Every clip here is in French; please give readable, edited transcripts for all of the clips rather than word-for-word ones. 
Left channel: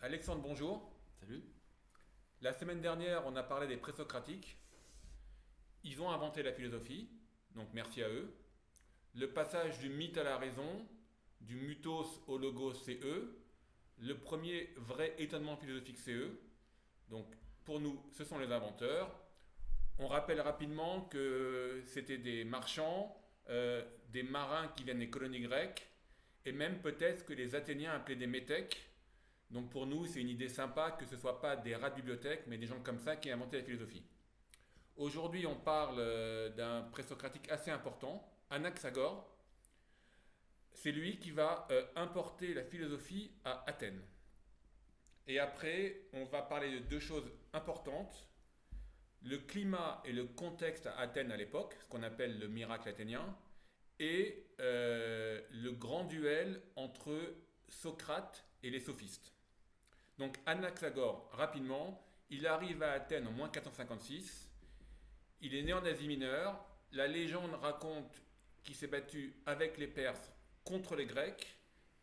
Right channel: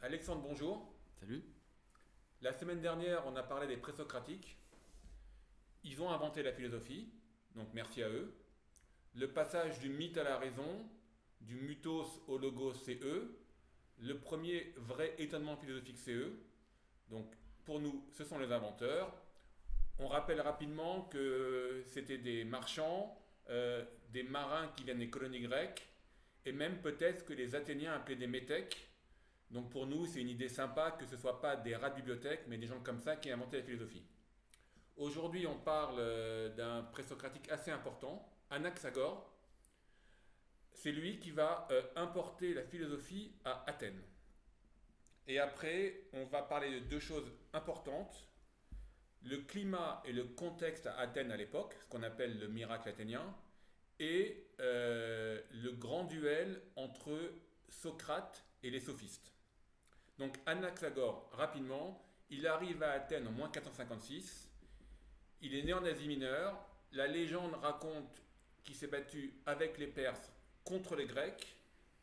Alexandre, bonjour. Salut. La semaine dernière, on a parlé des présocratiques. Ils ont inventé la philosophie, donc merci à eux. Le passage du mythe à la raison, du mythos au logos, c'est eux. Le premier vrai étonnement philosophique, c'est eux. Donc pour nous, ce sont les inventeurs. On rappelle rapidement que c'était des marchands, des marins qui viennent des colonies grecques, et même peut-être que les Athéniens appelaient des métèques. Donc pour nous, c'est une idée sympa que ce ne soit pas des rats de bibliothèque, mais des gens comme ça qui ont inventé la philosophie. Aujourd'hui, on parle d'un présocratique assez important, Anaxagore. C'est lui qui va importer la philosophie à Athènes. Et après, on va parler de deux choses importantes. Le climat et le contexte à Athènes à l'époque, ce qu'on appelle le miracle athénien, et le grand duel entre Socrate et les sophistes. Donc Anaxagore, rapidement, il arrive à Athènes en moins 456. Il est né en Asie mineure. La légende raconte qu'il s'est battu avec les Perses contre les Grecs.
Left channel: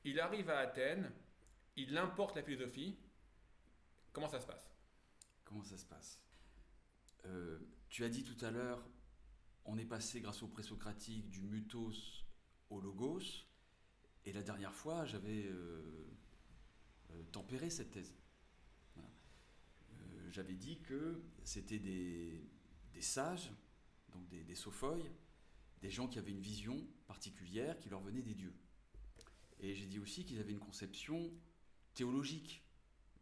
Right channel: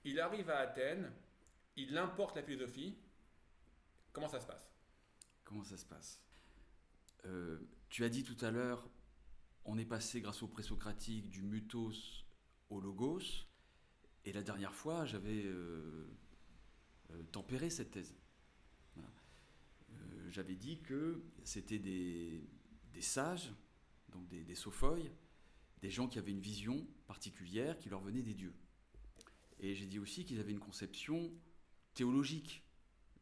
Il arrive à Athènes. Il importe la philosophie. Comment ça se passe? Comment ça se passe? Tu as dit tout à l'heure, on est passé grâce au présocratique du mythos au logos, et la dernière fois, j'avais tempéré cette thèse. Voilà. J'avais dit que c'était des sages, donc des sophoi, des gens qui avaient une vision particulière qui leur venait des dieux. Et j'ai dit aussi qu'ils avaient une conception théologique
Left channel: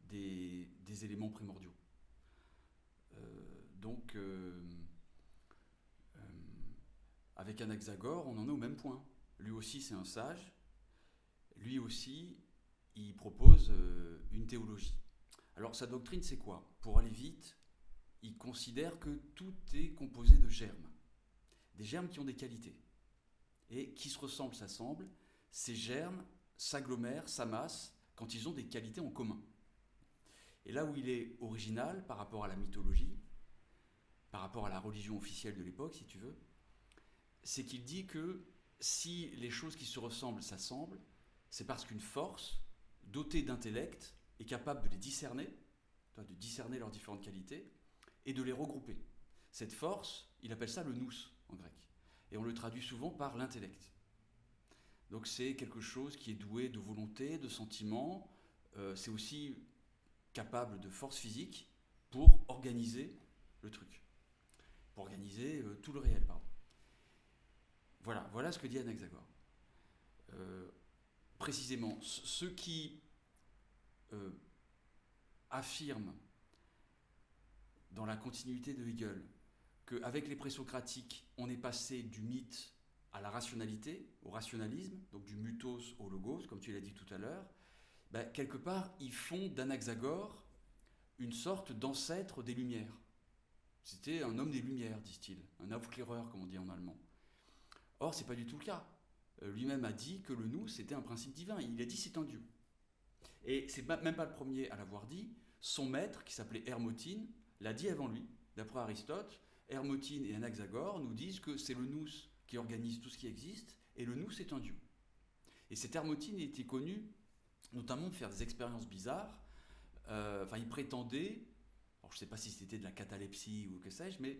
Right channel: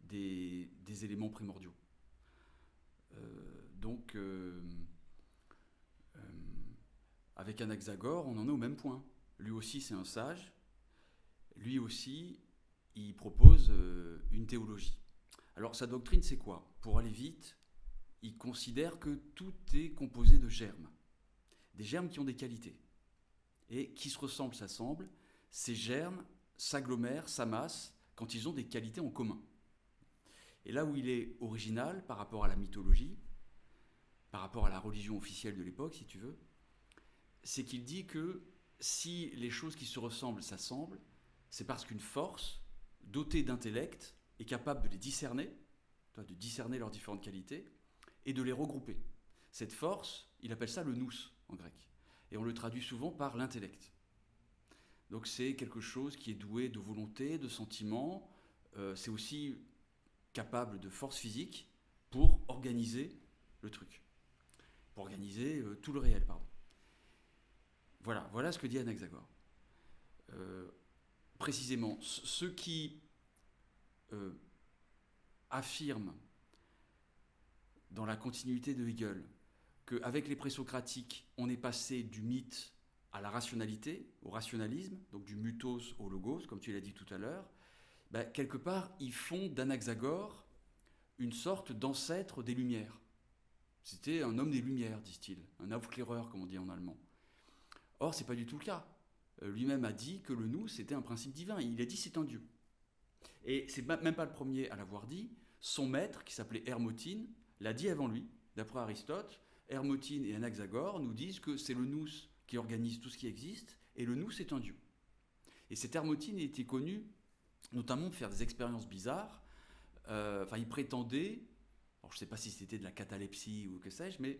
des éléments primordiaux. Donc, euh, avec Anaxagore, on en est au même point. Lui aussi, c'est un sage. Lui aussi, il propose une théologie. Alors, sa doctrine, c'est quoi? Pour aller vite, il considère que tout est composé de germes. Des germes qui ont des qualités. Et qui se ressemblent, s'assemblent. Ces germes s'agglomèrent, s'amassent, quand ils ont des qualités en commun. Et là où il est original par rapport à la mythologie, par rapport à la religion officielle de l'époque, si tu veux, c'est qu'il dit que si les choses qui se ressemblent s'assemblent, c'est parce qu'une force, dotée d'intellect, est capable de les discerner, de discerner leurs différentes qualités, et de les regrouper. Cette force, il appelle ça le nous en grec. Et on le traduit souvent par l'intellect. Donc c'est quelque chose qui est doué de volonté, de sentiment, c'est aussi capable de force physique pour organiser le truc, pour organiser tout le réel, pardon. Voilà ce que dit Anaxagore. Euh, Précisément, ceux qui euh, affirment dans la continuité de Hegel qu'avec les présocratiques, on est passé du mythe à la rationalité, au rationalisme, donc du mythos au logos, comme tu l'as dit tout à l'heure, ben, quelque part, ils font d'Anaxagore une sorte d'ancêtre des Lumières. C'était un homme des Lumières, disent-ils, un Aufklärer, comme on dit en allemand. Or, c'est pas du tout le cas. Lui-même a dit que le nous, c'était un principe divin. Il a dit c'est un Dieu. Et c'est même pas le premier à l'avoir dit. Son maître, qui s'appelait Hermotine, l'a dit avant lui. D'après Aristote, Hermotine et Anaxagore nous disent que c'est le nous qui organise tout ce qui existe, et le nous, c'est un Dieu. Et cet Hermotine était connu notamment de faire des expériences bizarres. Il prétendait, alors je ne sais pas si c'était de la catalepsie ou que sais-je, mais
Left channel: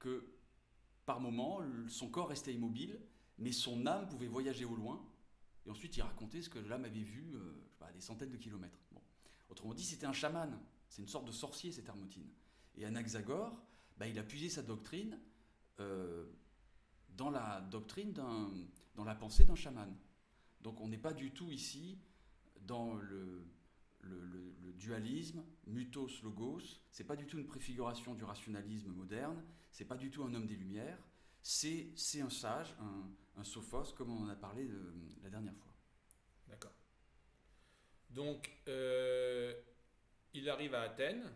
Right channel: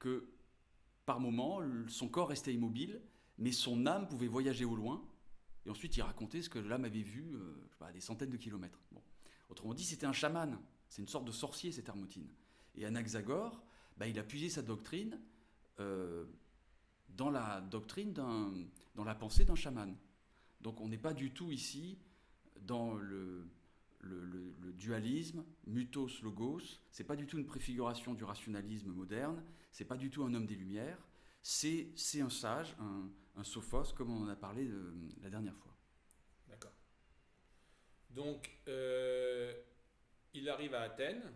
que par moment, son corps restait immobile, mais son âme pouvait voyager au loin, et ensuite il racontait ce que l'âme avait vu à des centaines de kilomètres. Bon. Autrement dit, c'était un chaman, c'est une sorte de sorcier cette Hermotine. Et Anaxagore, il a puisé sa doctrine euh, dans la doctrine dans la pensée d'un chaman. Donc on n'est pas du tout ici dans le dualisme, mythos-logos, c'est pas du tout une préfiguration du rationalisme moderne, c'est pas du tout un homme des Lumières, c'est un sage, un sophos, comme on en a parlé la dernière fois. D'accord. Donc, il arrive à Athènes,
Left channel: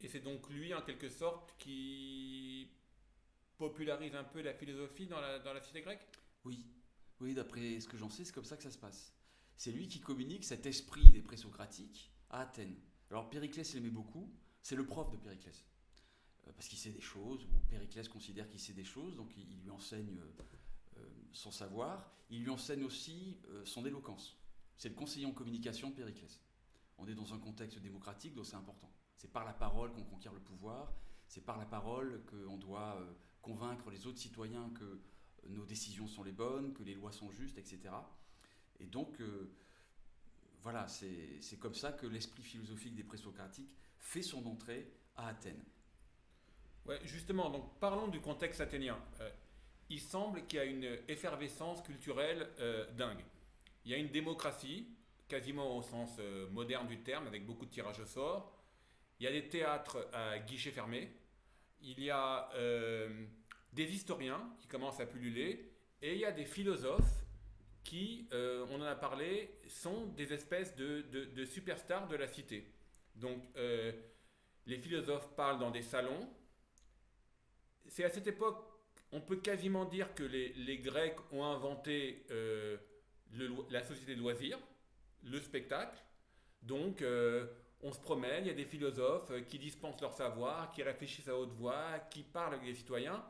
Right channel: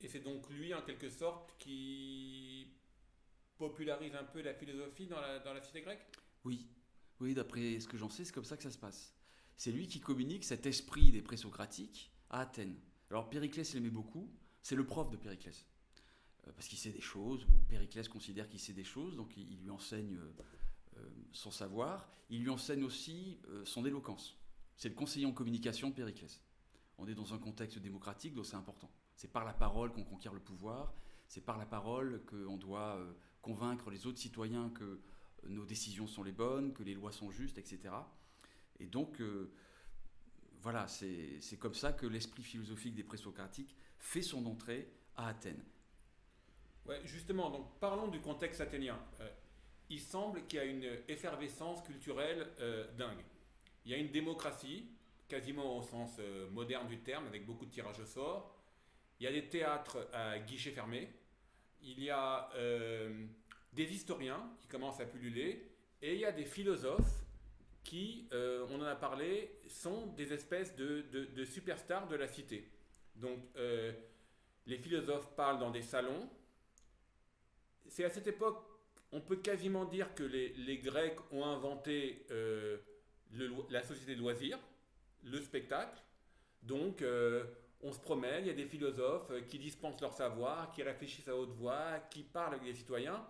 et c'est donc lui, en quelque sorte, qui popularise un peu la philosophie dans la cité grecque? Oui, oui, d'après ce que j'en sais, c'est comme ça que ça se passe. C'est lui qui communique cet esprit des présocratiques à Athènes. Alors Périclès l'aimait beaucoup, c'est le prof de Périclès. Parce qu'il sait des choses, ou Périclès considère qu'il sait des choses, donc il lui enseigne son savoir, il lui enseigne aussi son éloquence. C'est le conseiller en communication de Périclès. On est dans un contexte démocratique, donc c'est important. C'est par la parole qu'on conquiert le pouvoir, c'est par la parole qu'on doit convaincre les autres citoyens que nos décisions sont les bonnes, que les lois sont justes, etc. Et donc, voilà, c'est comme ça que l'esprit philosophique des présocratiques fait son entrée à Athènes. Ouais, justement, donc parlons du contexte athénien. Il semble qu'il y a une effervescence culturelle dingue. Il y a une démocratie, quasiment au sens moderne du terme, avec beaucoup de tirages au sort. Il y a des théâtres à guichets fermés. Il y a des historiens qui commencent à pulluler. Et il y a des philosophes qui, on en a parlé, sont des espèces de superstars de la cité. Donc, les philosophes parlent dans des salons. C'est à cette époque, on peut quasiment dire que les Grecs ont inventé la société de loisirs, le spectacle. Donc, on se promène, il y a des philosophes qui dispensent leur savoir, qui réfléchissent à haute voix, qui parlent avec les citoyens.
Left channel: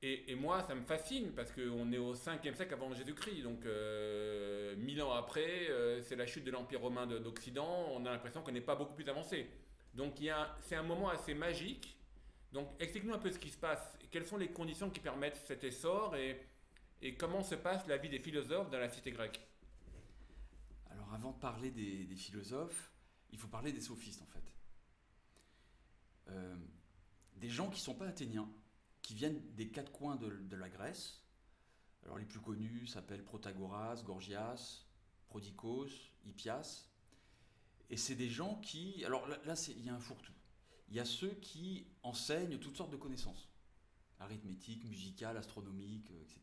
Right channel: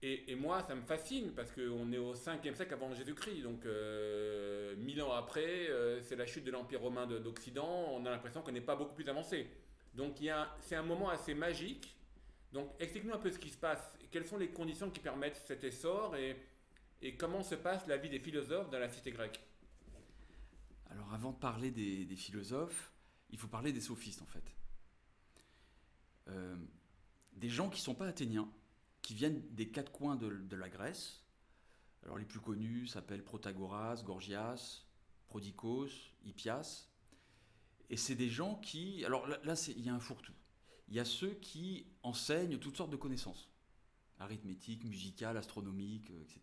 Et moi, ça me fascine parce qu'on est au 5e siècle avant Jésus-Christ. Donc, 1000 ans après, c'est la chute de l'Empire romain d'Occident. On a l'impression qu'on n'est pas beaucoup plus avancé. Donc, c'est un moment assez magique. Donc, explique-nous un peu ce qui se passe. Quelles sont les conditions qui permettent cet essor et comment se passe la vie des philosophes dans la cité grecque? Alors, avant de parler des philosophes, il faut parler des sophistes, en fait. Des gens qui ne sont pas athéniens, qui viennent des quatre coins de la Grèce. Alors, les plus connus s'appellent Protagoras, Gorgias, Prodicos, Hippias. Et c'est des gens qui... Alors là, il y a un fourre-tout. Il y a ceux qui enseignent toutes sortes de connaissances, arithmétique, musicale, astronomique, etc.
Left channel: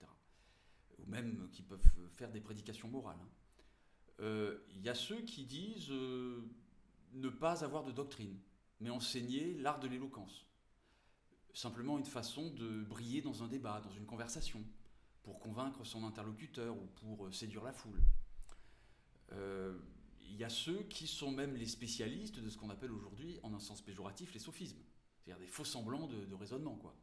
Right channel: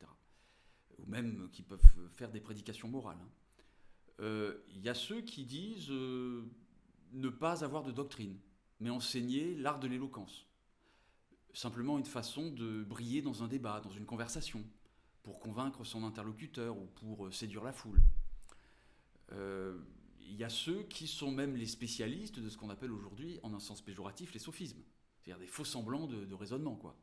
Ou même qui peuvent faire des prédications morales. Il y a ceux qui disent ne pas avoir de doctrine, mais enseigner l'art de l'éloquence. Simplement une façon de briller dans un débat, dans une conversation, pour convaincre son interlocuteur ou pour séduire la foule. Il y a ceux qui sont même les spécialistes de ce qu'on appelle aujourd'hui, en un sens péjoratif, les sophismes. C'est-à-dire des faux semblants de raisonnement, quoi.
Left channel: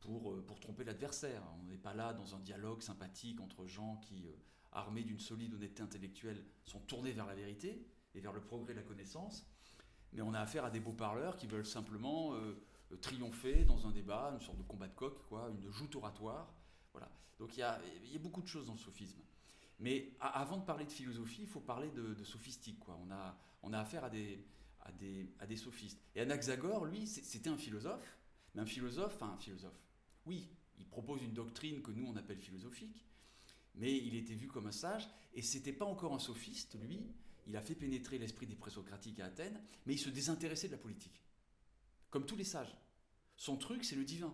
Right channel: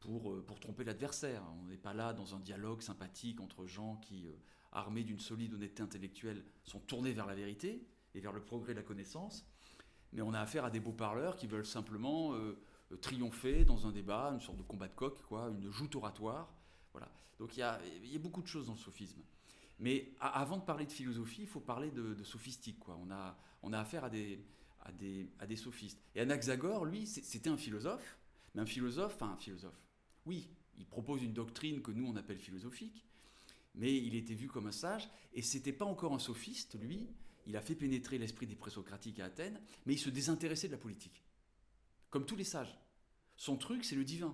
Pour tromper l'adversaire. On n'est pas là dans un dialogue sympathique entre gens qui, armés d'une solide honnêteté intellectuelle, sont tournés vers la vérité et vers le progrès de la connaissance. Mais on a affaire à des beaux parleurs qui veulent simplement triompher dans un débat, une sorte de combat de coq, quoi, une joute oratoire. Voilà. Donc il y a beaucoup de choses dans le sophisme. Mais avant de parler de philosophie, il faut parler de sophistique, quoi. On a affaire à des sophistes. Et Anaxagore, lui, c'était un philosophe, mais un philosophe. Oui, il propose une doctrine que nous, on appelle philosophique, mais il était vu comme un sage, et c'était pas encore un sophiste, lui. Il a fait pénétrer l'esprit des présocratiques à Athènes, mais il se désintéressait de la politique. Comme tous les sages. Son truc, c'est le divin.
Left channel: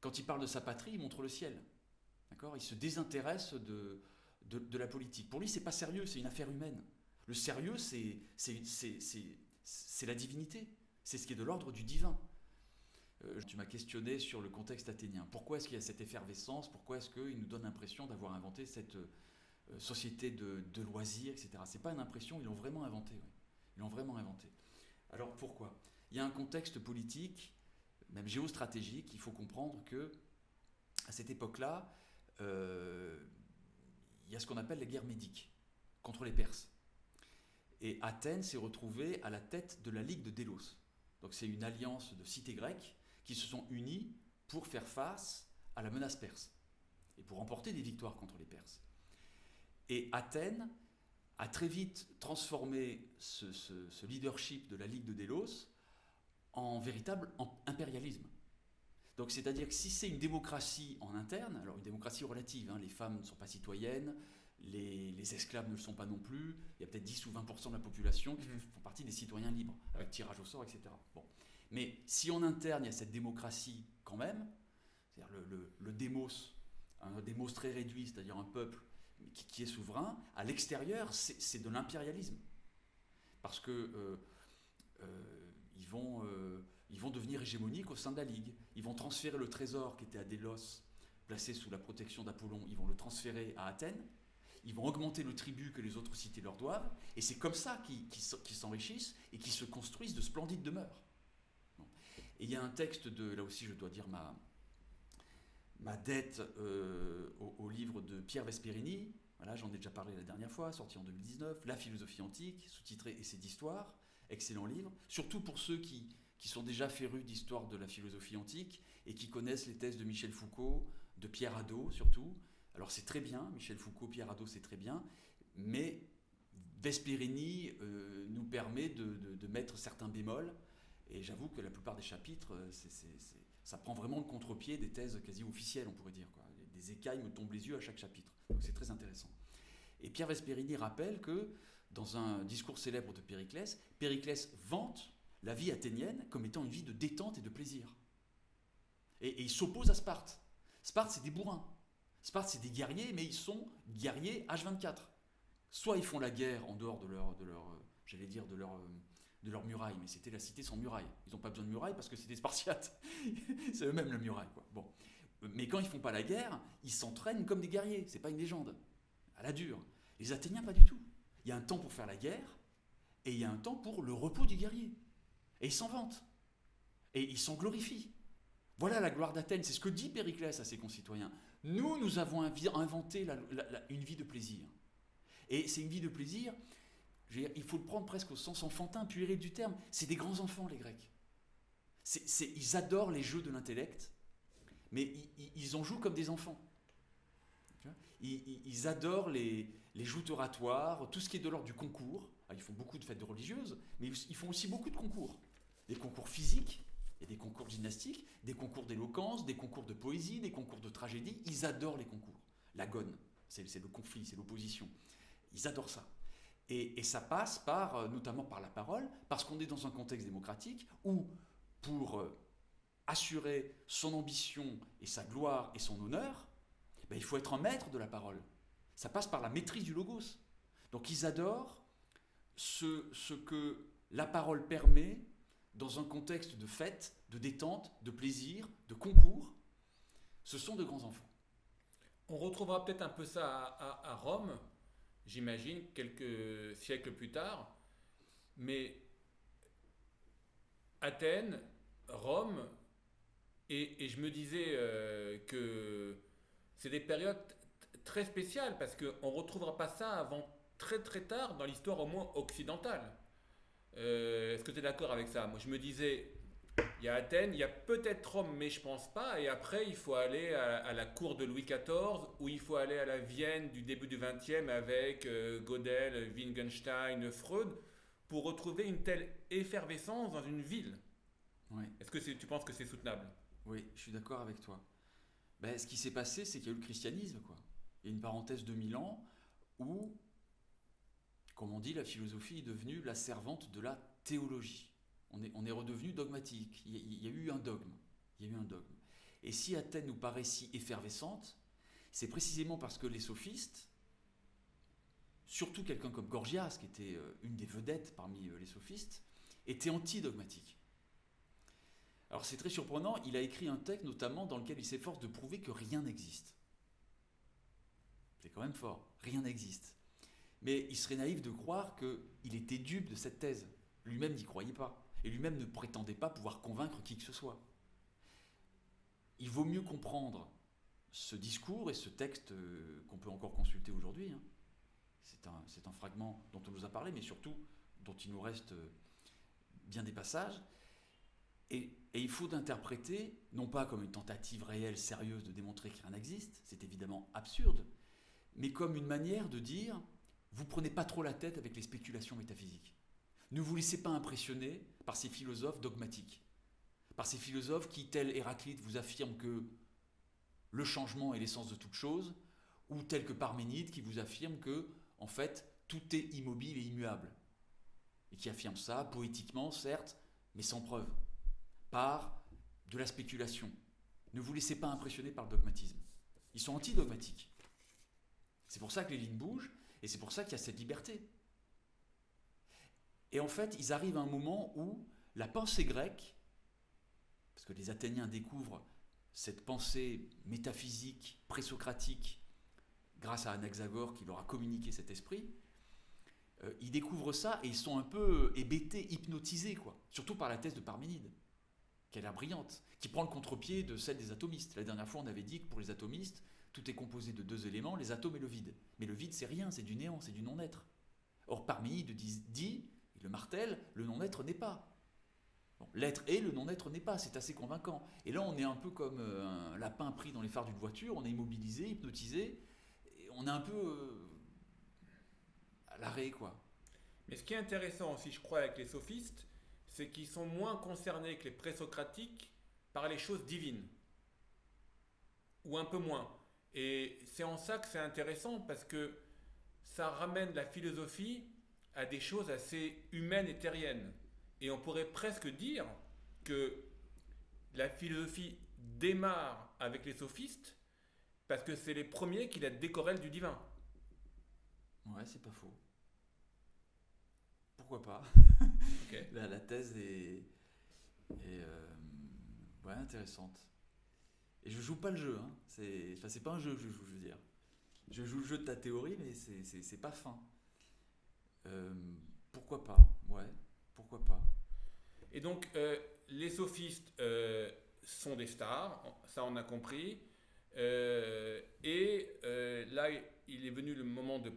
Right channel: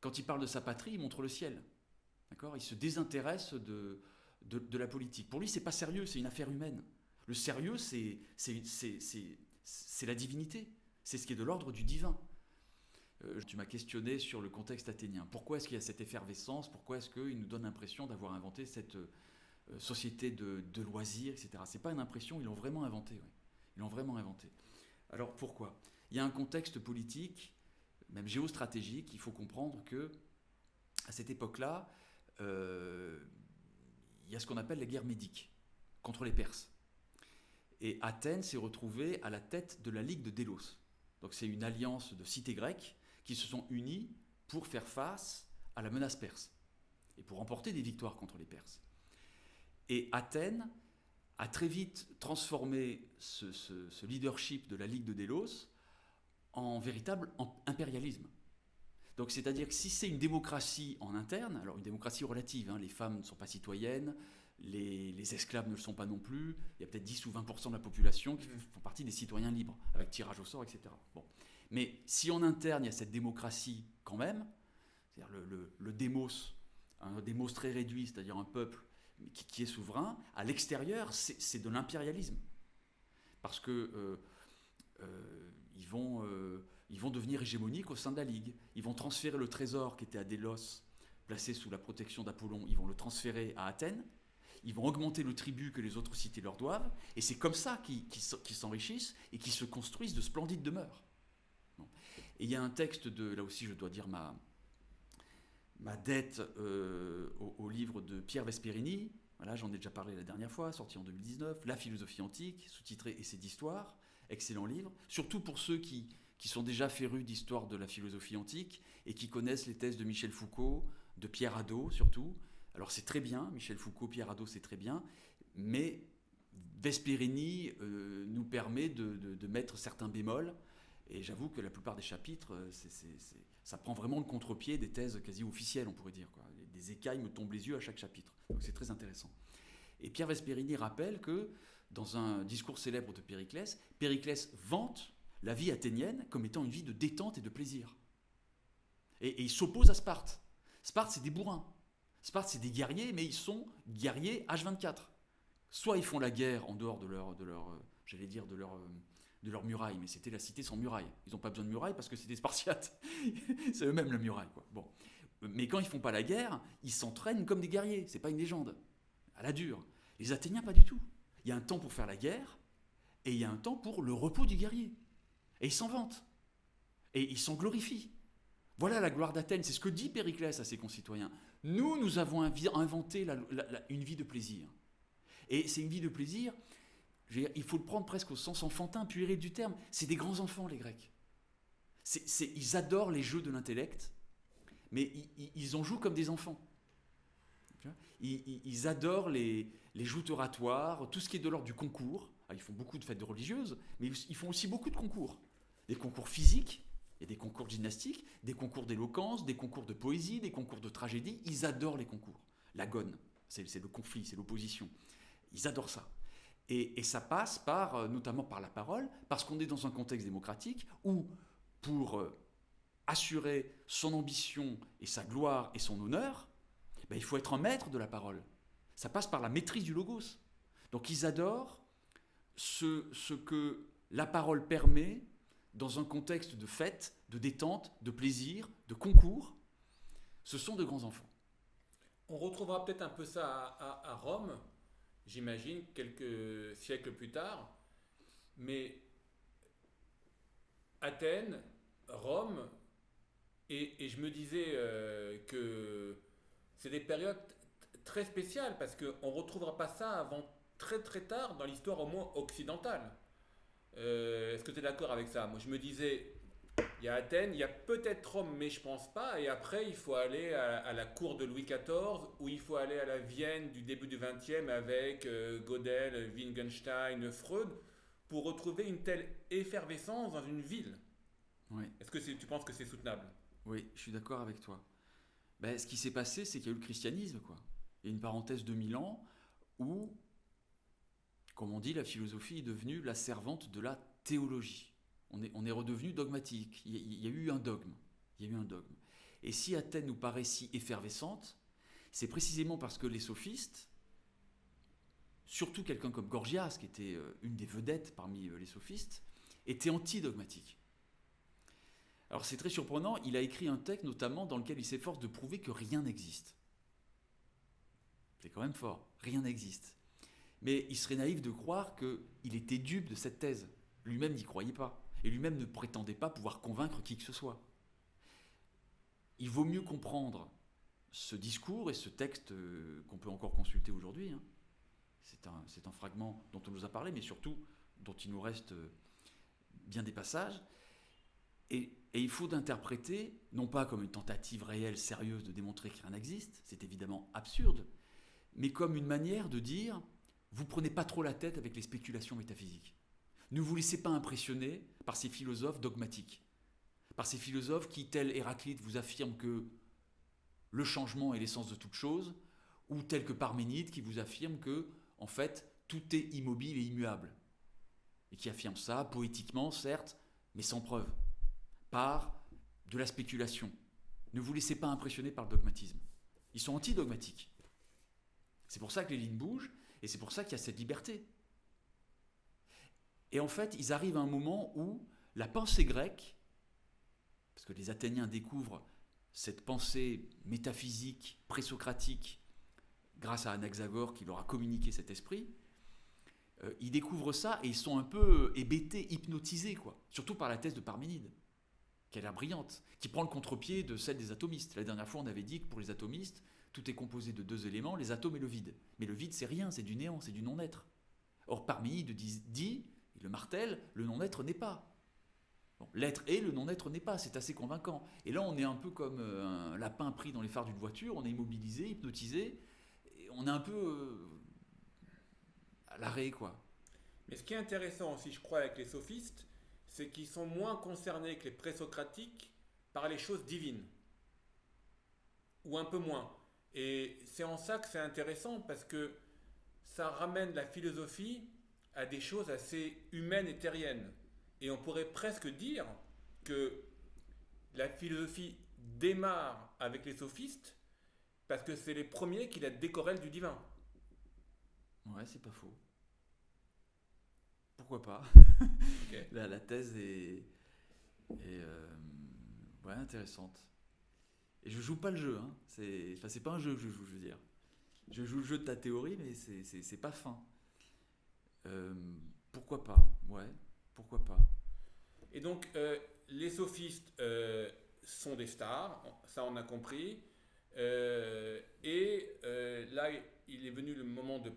Quand il parle de sa patrie, il montre le ciel. D'accord ? Il se désintéresse de la politique. Pour lui, c'est pas sérieux, c'est une affaire humaine. Le sérieux, c'est la divinité. C'est ce qui est de l'ordre du divin. Tu m'as questionné sur le contexte athénien. Pourquoi est-ce qu'il y a cette effervescence ? Pourquoi est-ce qu'il nous donne l'impression d'avoir inventé cette société de loisirs, etc. C'est pas une impression, ils l'ont vraiment inventé. Ouais. Ils l'ont vraiment inventé. Alors pourquoi ? Il y a un contexte politique, même géostratégique. Il faut comprendre que à cette époque-là, il y a ce qu'on appelle la guerre médique contre les Perses. Et Athènes s'est retrouvée à la tête de la Ligue de Délos. Donc c'est une alliance de cités grecques qui se sont unies pour faire face à la menace perse et pour remporter des victoires contre les Perses. Et Athènes a très vite transformé ce leadership de la Ligue de Délos en véritable impérialisme. Donc c'est-à-dire que si c'est une démocratie en interne, alors une démocratie relative, hein, les femmes ne sont pas citoyennes, les esclaves ne le sont pas non plus, il y a peut-être 10 ou 20% de la population qui font partie des citoyens libres, avec tirage au sort, etc. Bon. Mais si en interne il y a cette démocratie quand même, c'est-à-dire le démos, un démos très réduit, c'est-à-dire un peuple qui est souverain, à l'extérieur c'est de l'impérialisme. Parce que ils vont devenir hégémoniques au sein de la Ligue. Ils vont transférer le trésor qui était à Délos, placé sous la protection d'Apollon, ils vont le transférer à Athènes. Ils vont augmenter le tribut que les autres cités leur doivent. Et c'est comme ça qu'ils s'enrichissent et qu'ils se construisent de splendides demeures. Bon. Et il y a un texte là aussi je dois dire ma dette au livre de Pierre Vesperini, Voilà, j'en ai déjà parlé la dernière fois, sorti en 2019. La philosophie antique, sous-titré Essai d'histoire, excellent livre. Surtout pour ceux qui sont déjà férus d'histoire de la philosophie antique et qui connaissent les thèses de Michel Foucault, de Pierre Hadot surtout. Alors c'est très bien, Michel Foucault, Pierre Hadot, c'est très bien, mais Vesperini nous permet de mettre certains bémols. Et j'avoue que la plupart des chapitres, ça prend vraiment le contre-pied des thèses quasi officielles, on pourrait dire, quoi. Des écailles me tombent les yeux à chaque chapitre. Donc c'est très intéressant. Et Pierre Vesperini rappelle que, dans un discours célèbre de Périclès, Périclès vante la vie athénienne comme étant une vie de détente et de plaisir. Et il s'oppose à Sparte. Sparte, c'est des bourrins. Sparte, c'est des guerriers, mais ils sont guerriers H24. Soit ils font la guerre en dehors de leur muraille, mais c'était la cité sans muraille. Ils n'ont pas besoin de muraille parce que c'est des Spartiates. C'est eux-mêmes la muraille, quoi. Bon. Mais quand ils font pas la guerre, ils s'entraînent comme des guerriers. C'est pas une légende. À la dure. Les Athéniens, pas du tout. Il y a un temps pour faire la guerre et il y a un temps pour le repos du guerrier. Et ils s'en vantent. Et ils s'en glorifient. Voilà la gloire d'Athènes. C'est ce que dit Périclès à ses concitoyens. Nous avons inventé une vie de plaisir. Et c'est une vie de plaisir, il faut le prendre presque au sens enfantin, puéril du terme. C'est des grands enfants, les Grecs. Ils adorent les jeux de l'intellect, mais ils en jouent comme des enfants. Ils adorent les joutes oratoires, tout ce qui est de l'ordre du concours. Ils font beaucoup de fêtes religieuses, mais ils font aussi beaucoup de concours. Des concours physiques, il y a des concours de gymnastique, des concours d'éloquence, des concours de poésie, des concours de tragédie. Ils adorent les concours. L'agone, c'est le conflit, c'est l'opposition. Ils adorent ça. Et ça passe notamment par la parole, parce qu'on est dans un contexte démocratique où, pour assurer son ambition et sa gloire et son honneur, il faut être un maître de la parole. Ça passe par la maîtrise du logos. Donc ils adorent ce que la parole permet dans un contexte de fête, de détente, de plaisir, de concours. Ce sont de grands enfants. On retrouvera peut-être un peu ça à Rome, j'imagine, quelques siècles plus tard. Mais Athènes, Rome, et je me disais que c'est des périodes très spéciales parce qu'on ne retrouvera pas ça avant très très tard dans l'histoire au moins occidentale. Est-ce que tu es d'accord avec ça? Moi je me disais, il y a Athènes, il y a peut-être Rome, mais je pense pas. Et après, il faut aller à la cour de Louis XIV, ou il faut aller à la Vienne du début du XXe avec Gödel, Wittgenstein, Freud, pour retrouver une telle effervescence dans une ville. Oui. Est-ce que tu penses que c'est soutenable? Oui, je suis d'accord avec toi. Ce qui s'est passé, c'est qu'il y a eu le christianisme, quoi. Il y a une parenthèse de 1000 ans où, comme on dit, la philosophie est devenue la servante de la théologie. On est redevenu dogmatique. Il y a eu un dogme. Et si Athènes nous paraît si effervescente, c'est précisément parce que les sophistes, surtout quelqu'un comme Gorgias, qui était une des vedettes parmi les sophistes, étaient anti-dogmatiques. Alors c'est très surprenant, il a écrit un texte notamment dans lequel il s'efforce de prouver que rien n'existe. C'est quand même fort, rien n'existe. Mais il serait naïf de croire qu'il était dupe de cette thèse. Lui-même n'y croyait pas. Et lui-même ne prétendait pas pouvoir convaincre qui que ce soit. Il vaut mieux comprendre ce discours et ce texte qu'on peut encore consulter aujourd'hui. Hein. C'est un fragment dont on nous a parlé, mais surtout dont il nous reste bien des passages. Et il faut l'interpréter, non pas comme une tentative réelle, sérieuse de démontrer que rien n'existe, c'est évidemment absurde, mais comme une manière de dire, vous prenez pas trop la tête avec les spéculations métaphysiques. Ne vous laissez pas impressionner par ces philosophes dogmatiques, par ces philosophes qui, tel Héraclite, vous affirment que le changement est l'essence de toute chose, ou tel que Parménide qui vous affirme que, en fait, tout est immobile et immuable, et qui affirme ça poétiquement, certes, mais sans preuve, par de la spéculation. Ne vous laissez pas impressionner par le dogmatisme. Ils sont anti-dogmatiques. C'est pour ça que les lignes bougent, et c'est pour ça qu'il y a cette liberté. Et en fait, ils arrivent à un moment où la pensée grecque, parce que les Athéniens découvrent cette pensée métaphysique, présocratique, grâce à Anaxagore qui leur a communiqué cet esprit, ils découvrent ça et ils sont un peu hébétés, hypnotisés, quoi. Surtout par la thèse de Parménide, qui a l'air brillante, qui prend le contre-pied de celle des atomistes. La dernière fois, on avait dit que pour les atomistes, tout est composé de deux éléments, les atomes et le vide. Mais le vide, c'est rien, c'est du néant, c'est du non-être. Or, Parménide dit, il le martèle, le non-être n'est pas. Bon, l'être est, le non-être n'est pas, c'est assez convaincant. Et là, on est un peu comme un lapin pris dans les phares d'une voiture, on est immobilisé, hypnotisé, et on est un peu à l'arrêt, quoi. Mais ce qui est intéressant aussi, je crois, avec les sophistes, c'est qu'ils sont moins concernés que les présocratiques par les choses divines, ou un peu moins. Et c'est en ça que c'est intéressant, parce que ça ramène la philosophie à des choses assez humaines et terriennes. Et on pourrait presque dire que la philosophie démarre avec les sophistes, parce que c'est les premiers qui la décorrèlent du divin. Ouais, c'est pas faux. Pourquoi pas? Ok. La thèse est ouais, intéressante. Et je joue pas le jeu, hein. C'est pas un jeu que je joue, je veux dire. Je joue le jeu de ta théorie, mais c'est pas fin. Pourquoi pas? Ouais, pourquoi pas? Et donc, les sophistes sont des stars, ça on a compris. Là, il est venu le moment de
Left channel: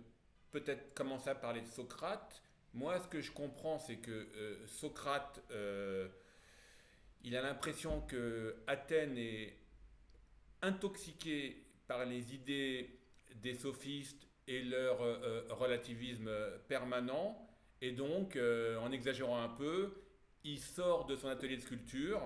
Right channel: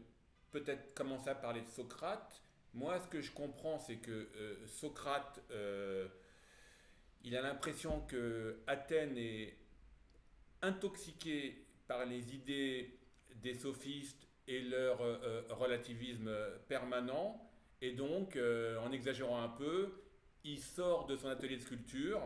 peut-être commencer à parler de Socrate. Moi, ce que je comprends, c'est que Socrate, il a l'impression que Athènes est intoxiquée par les idées des sophistes et leur relativisme permanent. Et donc, en exagérant un peu, il sort de son atelier de sculpture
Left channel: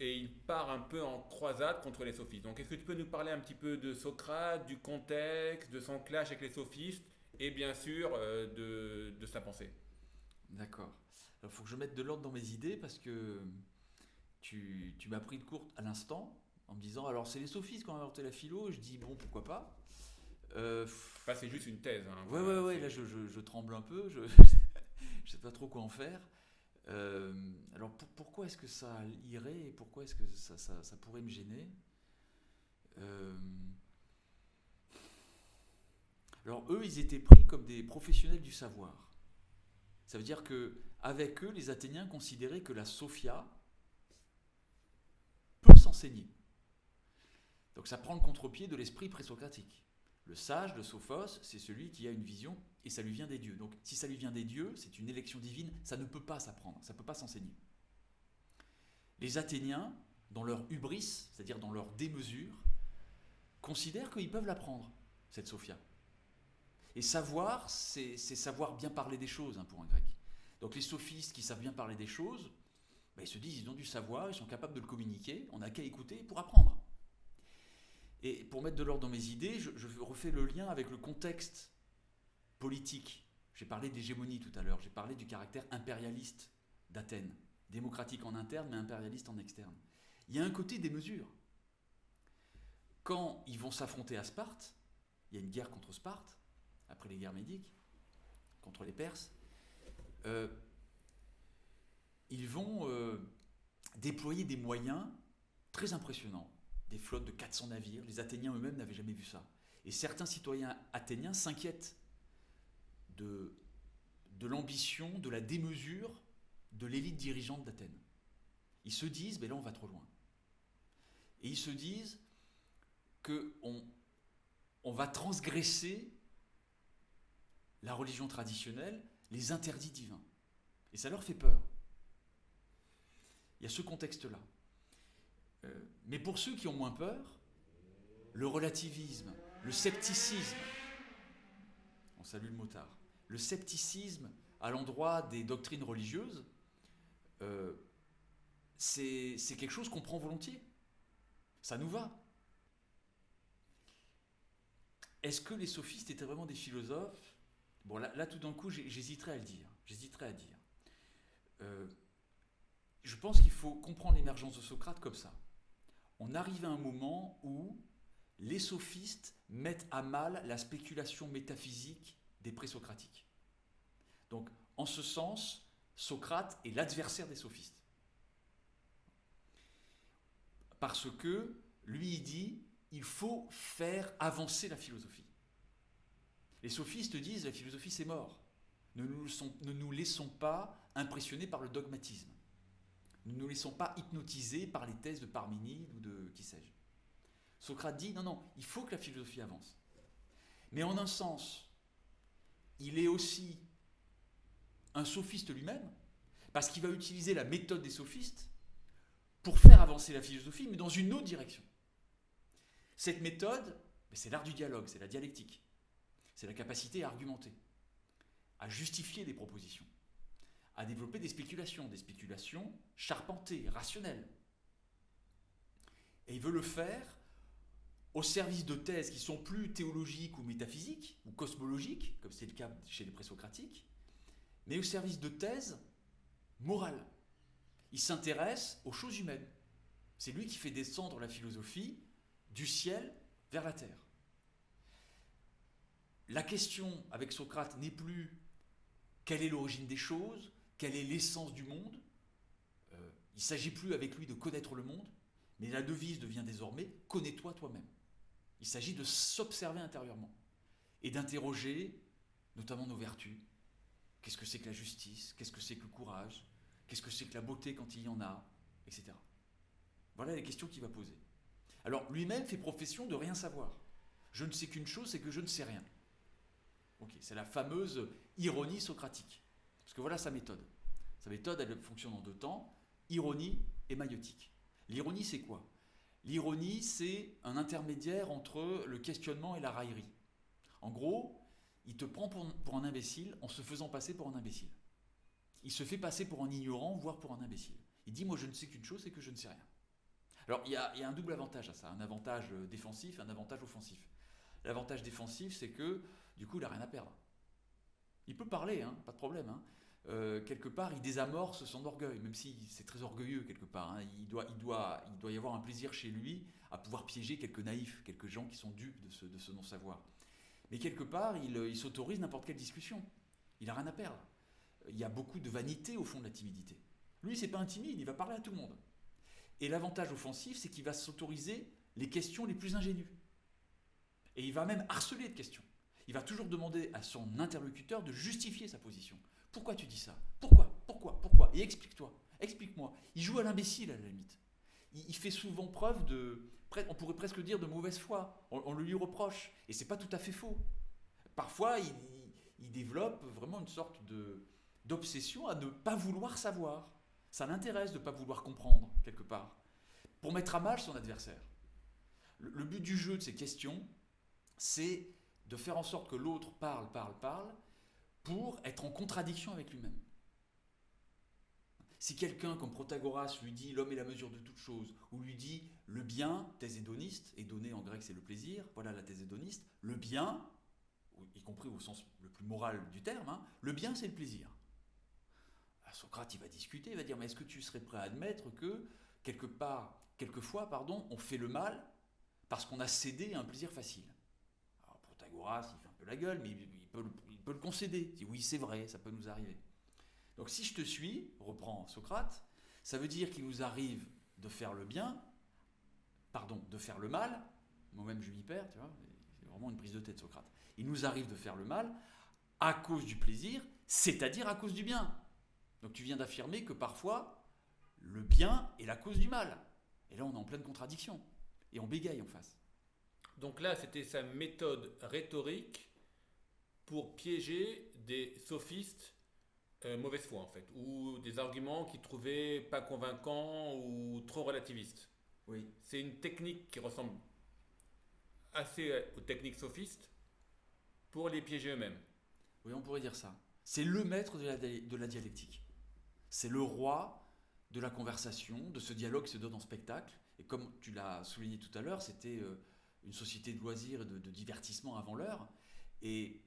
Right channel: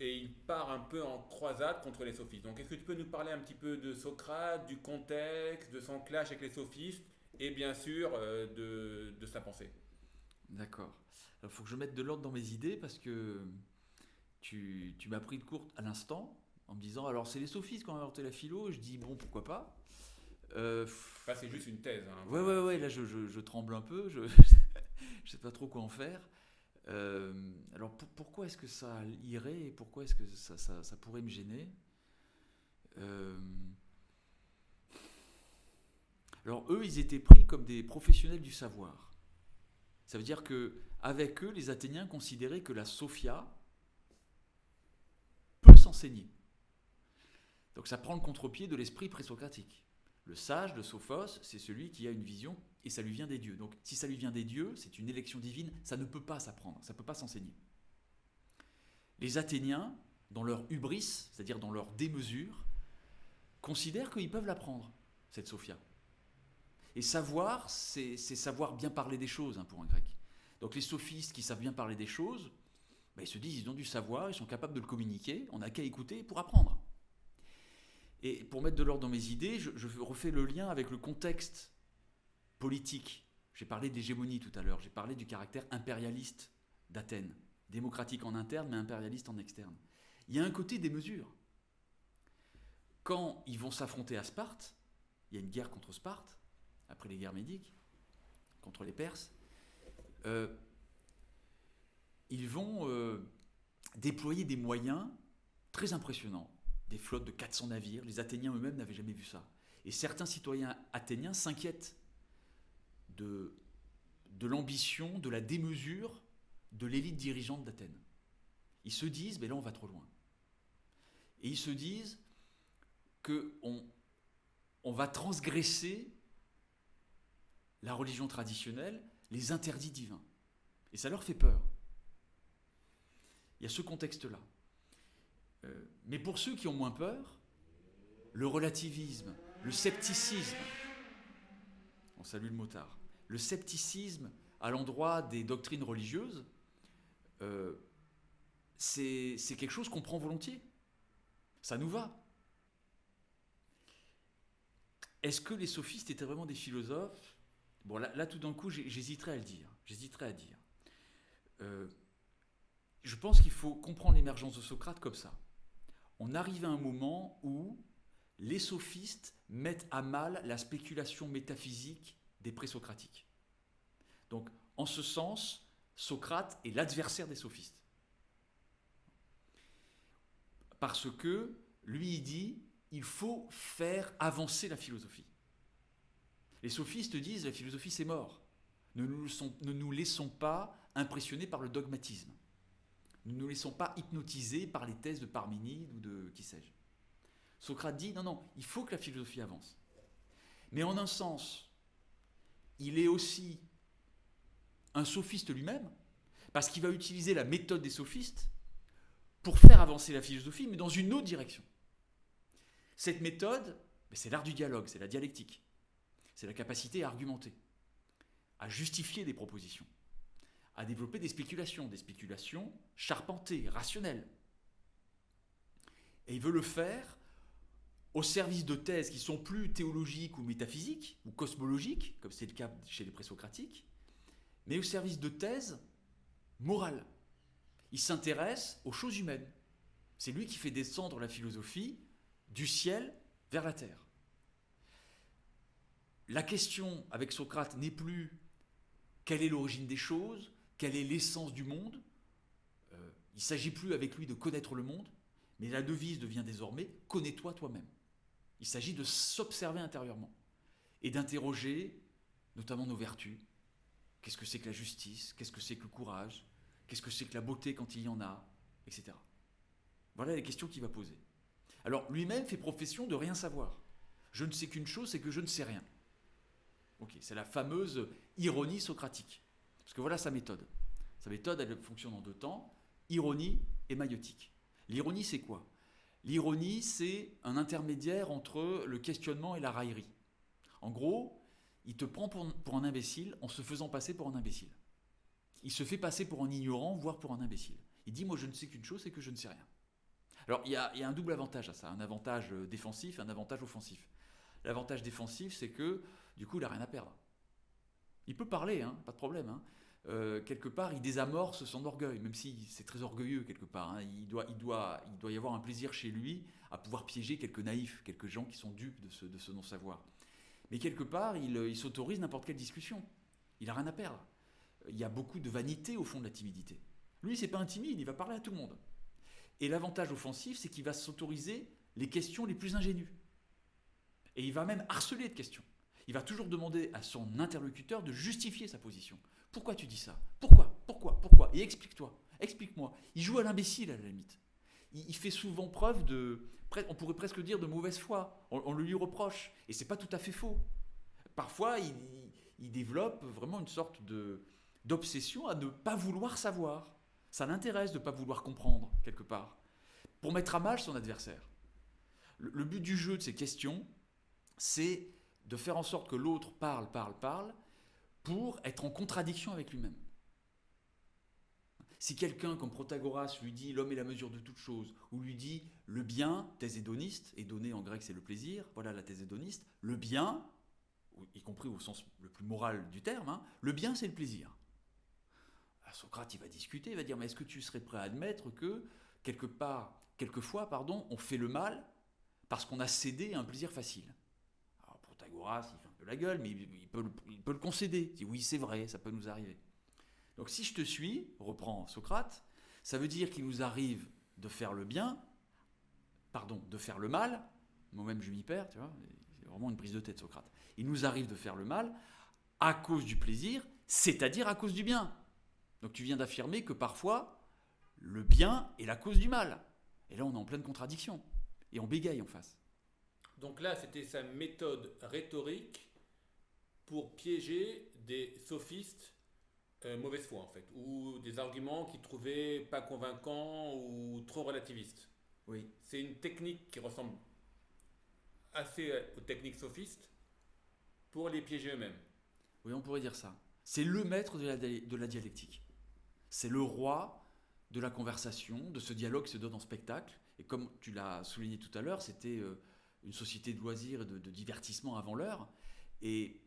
et il part un peu en croisade contre les sophistes. Donc, est-ce que tu peux nous parler un petit peu de Socrate, du contexte, de son clash avec les sophistes et bien sûr de sa pensée? D'accord. Il faut que je mette de l'ordre dans mes idées parce que tu m'as pris de court à l'instant en me disant alors c'est les sophistes qui ont inventé la philo. Je dis bon, pourquoi pas. Enfin, c'est juste une thèse. Hein. Ouais, là je tremble un peu, je sais pas trop quoi en faire. Alors pourquoi est-ce que ça irait et pourquoi est-ce que ça pourrait me gêner? Alors eux, ils étaient pris comme des professionnels du savoir. Ça veut dire que avec eux, les Athéniens considéraient que la Sophia peut s'enseigner. Donc ça prend le contre-pied de l'esprit présocratique. Le sage, le sophos, c'est celui qui a une vision et ça lui vient des dieux. Donc si ça lui vient des dieux, c'est une élection divine, ça ne peut pas s'apprendre, ça ne peut pas s'enseigner. Les Athéniens, dans leur hubris, c'est-à-dire dans leur démesure, considèrent qu'ils peuvent l'apprendre, cette Sophia. Et savoir, c'est savoir bien parler des choses, hein, pour un grec. Donc les sophistes qui savent bien parler des choses, ils se disent ils ont du savoir, ils sont capables de le communiquer, on n'a qu'à écouter pour apprendre. Et pour mettre de l'ordre dans mes idées, je refais le lien avec le contexte politique. J'ai parlé d'hégémonie tout à l'heure, j'ai parlé du caractère impérialiste d'Athènes, démocratique en interne mais impérialiste en externe. Il y a un côté des mesures. Quand ils vont s'affronter à Sparte, il y a une guerre contre Sparte, après les guerres médiques, contre les Perses, ils vont déployer des moyens très impressionnants. Des flottes de 400 navires, les Athéniens eux-mêmes n'avaient jamais vu ça. Et certains citoyens athéniens s'inquiètent de l'ambition, de la démesure de l'élite dirigeante d'Athènes. Ils se disent, mais là on va trop loin. Et ils se disent qu'on va transgresser la religion traditionnelle, les interdits divins. Et ça leur fait peur. Il y a ce contexte-là. Mais pour ceux qui ont moins peur, le relativisme, le scepticisme, on salue le motard, le scepticisme à l'endroit des doctrines religieuses, c'est quelque chose qu'on prend volontiers. Ça nous va. Est-ce que les sophistes étaient vraiment des philosophes? Bon, là, tout d'un coup, j'hésiterais à le dire. Je pense qu'il faut comprendre l'émergence de Socrate comme ça. On arrive à un moment où les sophistes mettent à mal la spéculation métaphysique des présocratiques. Donc, en ce sens, Socrate est l'adversaire des sophistes. Parce que, lui, il dit, il faut faire avancer la philosophie. Les sophistes disent, la philosophie, c'est mort. Ne nous laissons pas impressionner par le dogmatisme. Ne nous laissons pas hypnotiser par les thèses de Parménide ou de qui sais-je. Socrate dit non, il faut que la philosophie avance. Mais en un sens, il est aussi un sophiste lui-même, parce qu'il va utiliser la méthode des sophistes pour faire avancer la philosophie, mais dans une autre direction. Cette méthode, c'est l'art du dialogue, c'est la dialectique. C'est la capacité à argumenter, à justifier des propositions, à développer des spéculations charpentées, rationnelles. Et il veut le faire au service de thèses qui sont plus théologiques ou métaphysiques, ou cosmologiques, comme c'est le cas chez les présocratiques, mais au service de thèses morales. Il s'intéresse aux choses humaines. C'est lui qui fait descendre la philosophie du ciel vers la terre. La question avec Socrate n'est plus quelle est l'origine des choses, quelle est l'essence du monde. Il ne s'agit plus avec lui de connaître le monde, mais la devise devient désormais « connais-toi toi-même ». Il s'agit de s'observer intérieurement et d'interroger notamment nos vertus. Qu'est-ce que c'est que la justice? Qu'est-ce que c'est que le courage? Qu'est-ce que c'est que la beauté quand il y en a? Etc. Voilà les questions qu'il va poser. Alors lui-même fait profession de rien savoir. Je ne sais qu'une chose, c'est que je ne sais rien. Okay, c'est la fameuse ironie socratique. Parce que voilà sa méthode. Sa méthode, elle fonctionne en deux temps, ironie et maïeutique. L'ironie, c'est quoi? L'ironie, c'est un intermédiaire entre le questionnement et la raillerie. En gros, il te prend pour un imbécile en se faisant passer pour un imbécile. Il se fait passer pour un ignorant, voire pour un imbécile. Il dit, moi je ne sais qu'une chose, c'est que je ne sais rien. Alors il y a un double avantage à ça, un avantage défensif et un avantage offensif. L'avantage défensif, c'est que du coup il n'a rien à perdre. Il peut parler, pas de problème. Quelque part, il désamorce son orgueil, même si c'est très orgueilleux quelque part. Il doit y avoir un plaisir chez lui à pouvoir piéger quelques naïfs, quelques gens qui sont dupes de ce non-savoir. Mais quelque part, il s'autorise n'importe quelle discussion. Il n'a rien à perdre. Il y a beaucoup de vanité au fond de la timidité. Lui, c'est pas un timide, il va parler à tout le monde. Et l'avantage offensif, c'est qu'il va s'autoriser les questions les plus ingénues. Et il va même harceler de questions. Il va toujours demander à son interlocuteur de justifier sa position. Pourquoi tu dis ça? Pourquoi? Et explique-toi. Explique-moi. Il joue à l'imbécile à la limite. Il fait souvent preuve de, on pourrait presque dire, de mauvaise foi. On le lui reproche. Et c'est pas tout à fait faux. Parfois, il développe vraiment une sorte d'obsession à ne pas vouloir savoir. Ça l'intéresse de ne pas vouloir comprendre, quelque part, pour mettre à mal son adversaire. Le but du jeu de ces questions, c'est de faire en sorte que l'autre parle, pour être en contradiction avec lui-même. Si quelqu'un comme Protagoras lui dit « l'homme est la mesure de toute chose », ou lui dit « le bien, thèse hédoniste », hédoné en grec c'est le plaisir, voilà la thèse hédoniste, le bien, y compris au sens le plus moral du terme, le bien c'est le plaisir. Socrate, il va discuter, il va dire, mais est-ce que tu serais prêt à admettre que, quelquefois, on fait le mal parce qu'on a cédé à un plaisir facile? Alors Protagoras, il fait un peu la gueule, mais il peut le concéder. Il dit, oui, c'est vrai, ça peut nous arriver. Donc si je te suis, reprend Socrate, ça veut dire qu'il nous arrive de faire le mal, moi-même je m'y perds, tu vois, c'est vraiment une prise de tête Socrate. Il nous arrive de faire le mal à cause du plaisir, c'est-à-dire à cause du bien. Donc tu viens d'affirmer que parfois, le bien est la cause du mal. Et là, on est en pleine contradiction. Et on bégaye en face. Donc là, c'était sa méthode rhétorique pour piéger des sophistes mauvaise foi, en fait, ou des arguments qu'il trouvait pas convaincants ou trop relativistes. Oui. C'est une technique qui ressemble assez aux techniques sophistes pour les piéger eux-mêmes. Oui, on pourrait dire ça. C'est le maître de la dialectique. C'est le roi de la conversation, de ce dialogue qui se donne en spectacle. Et comme tu l'as souligné tout à l'heure, c'était une société de loisirs et de divertissement avant l'heure. Et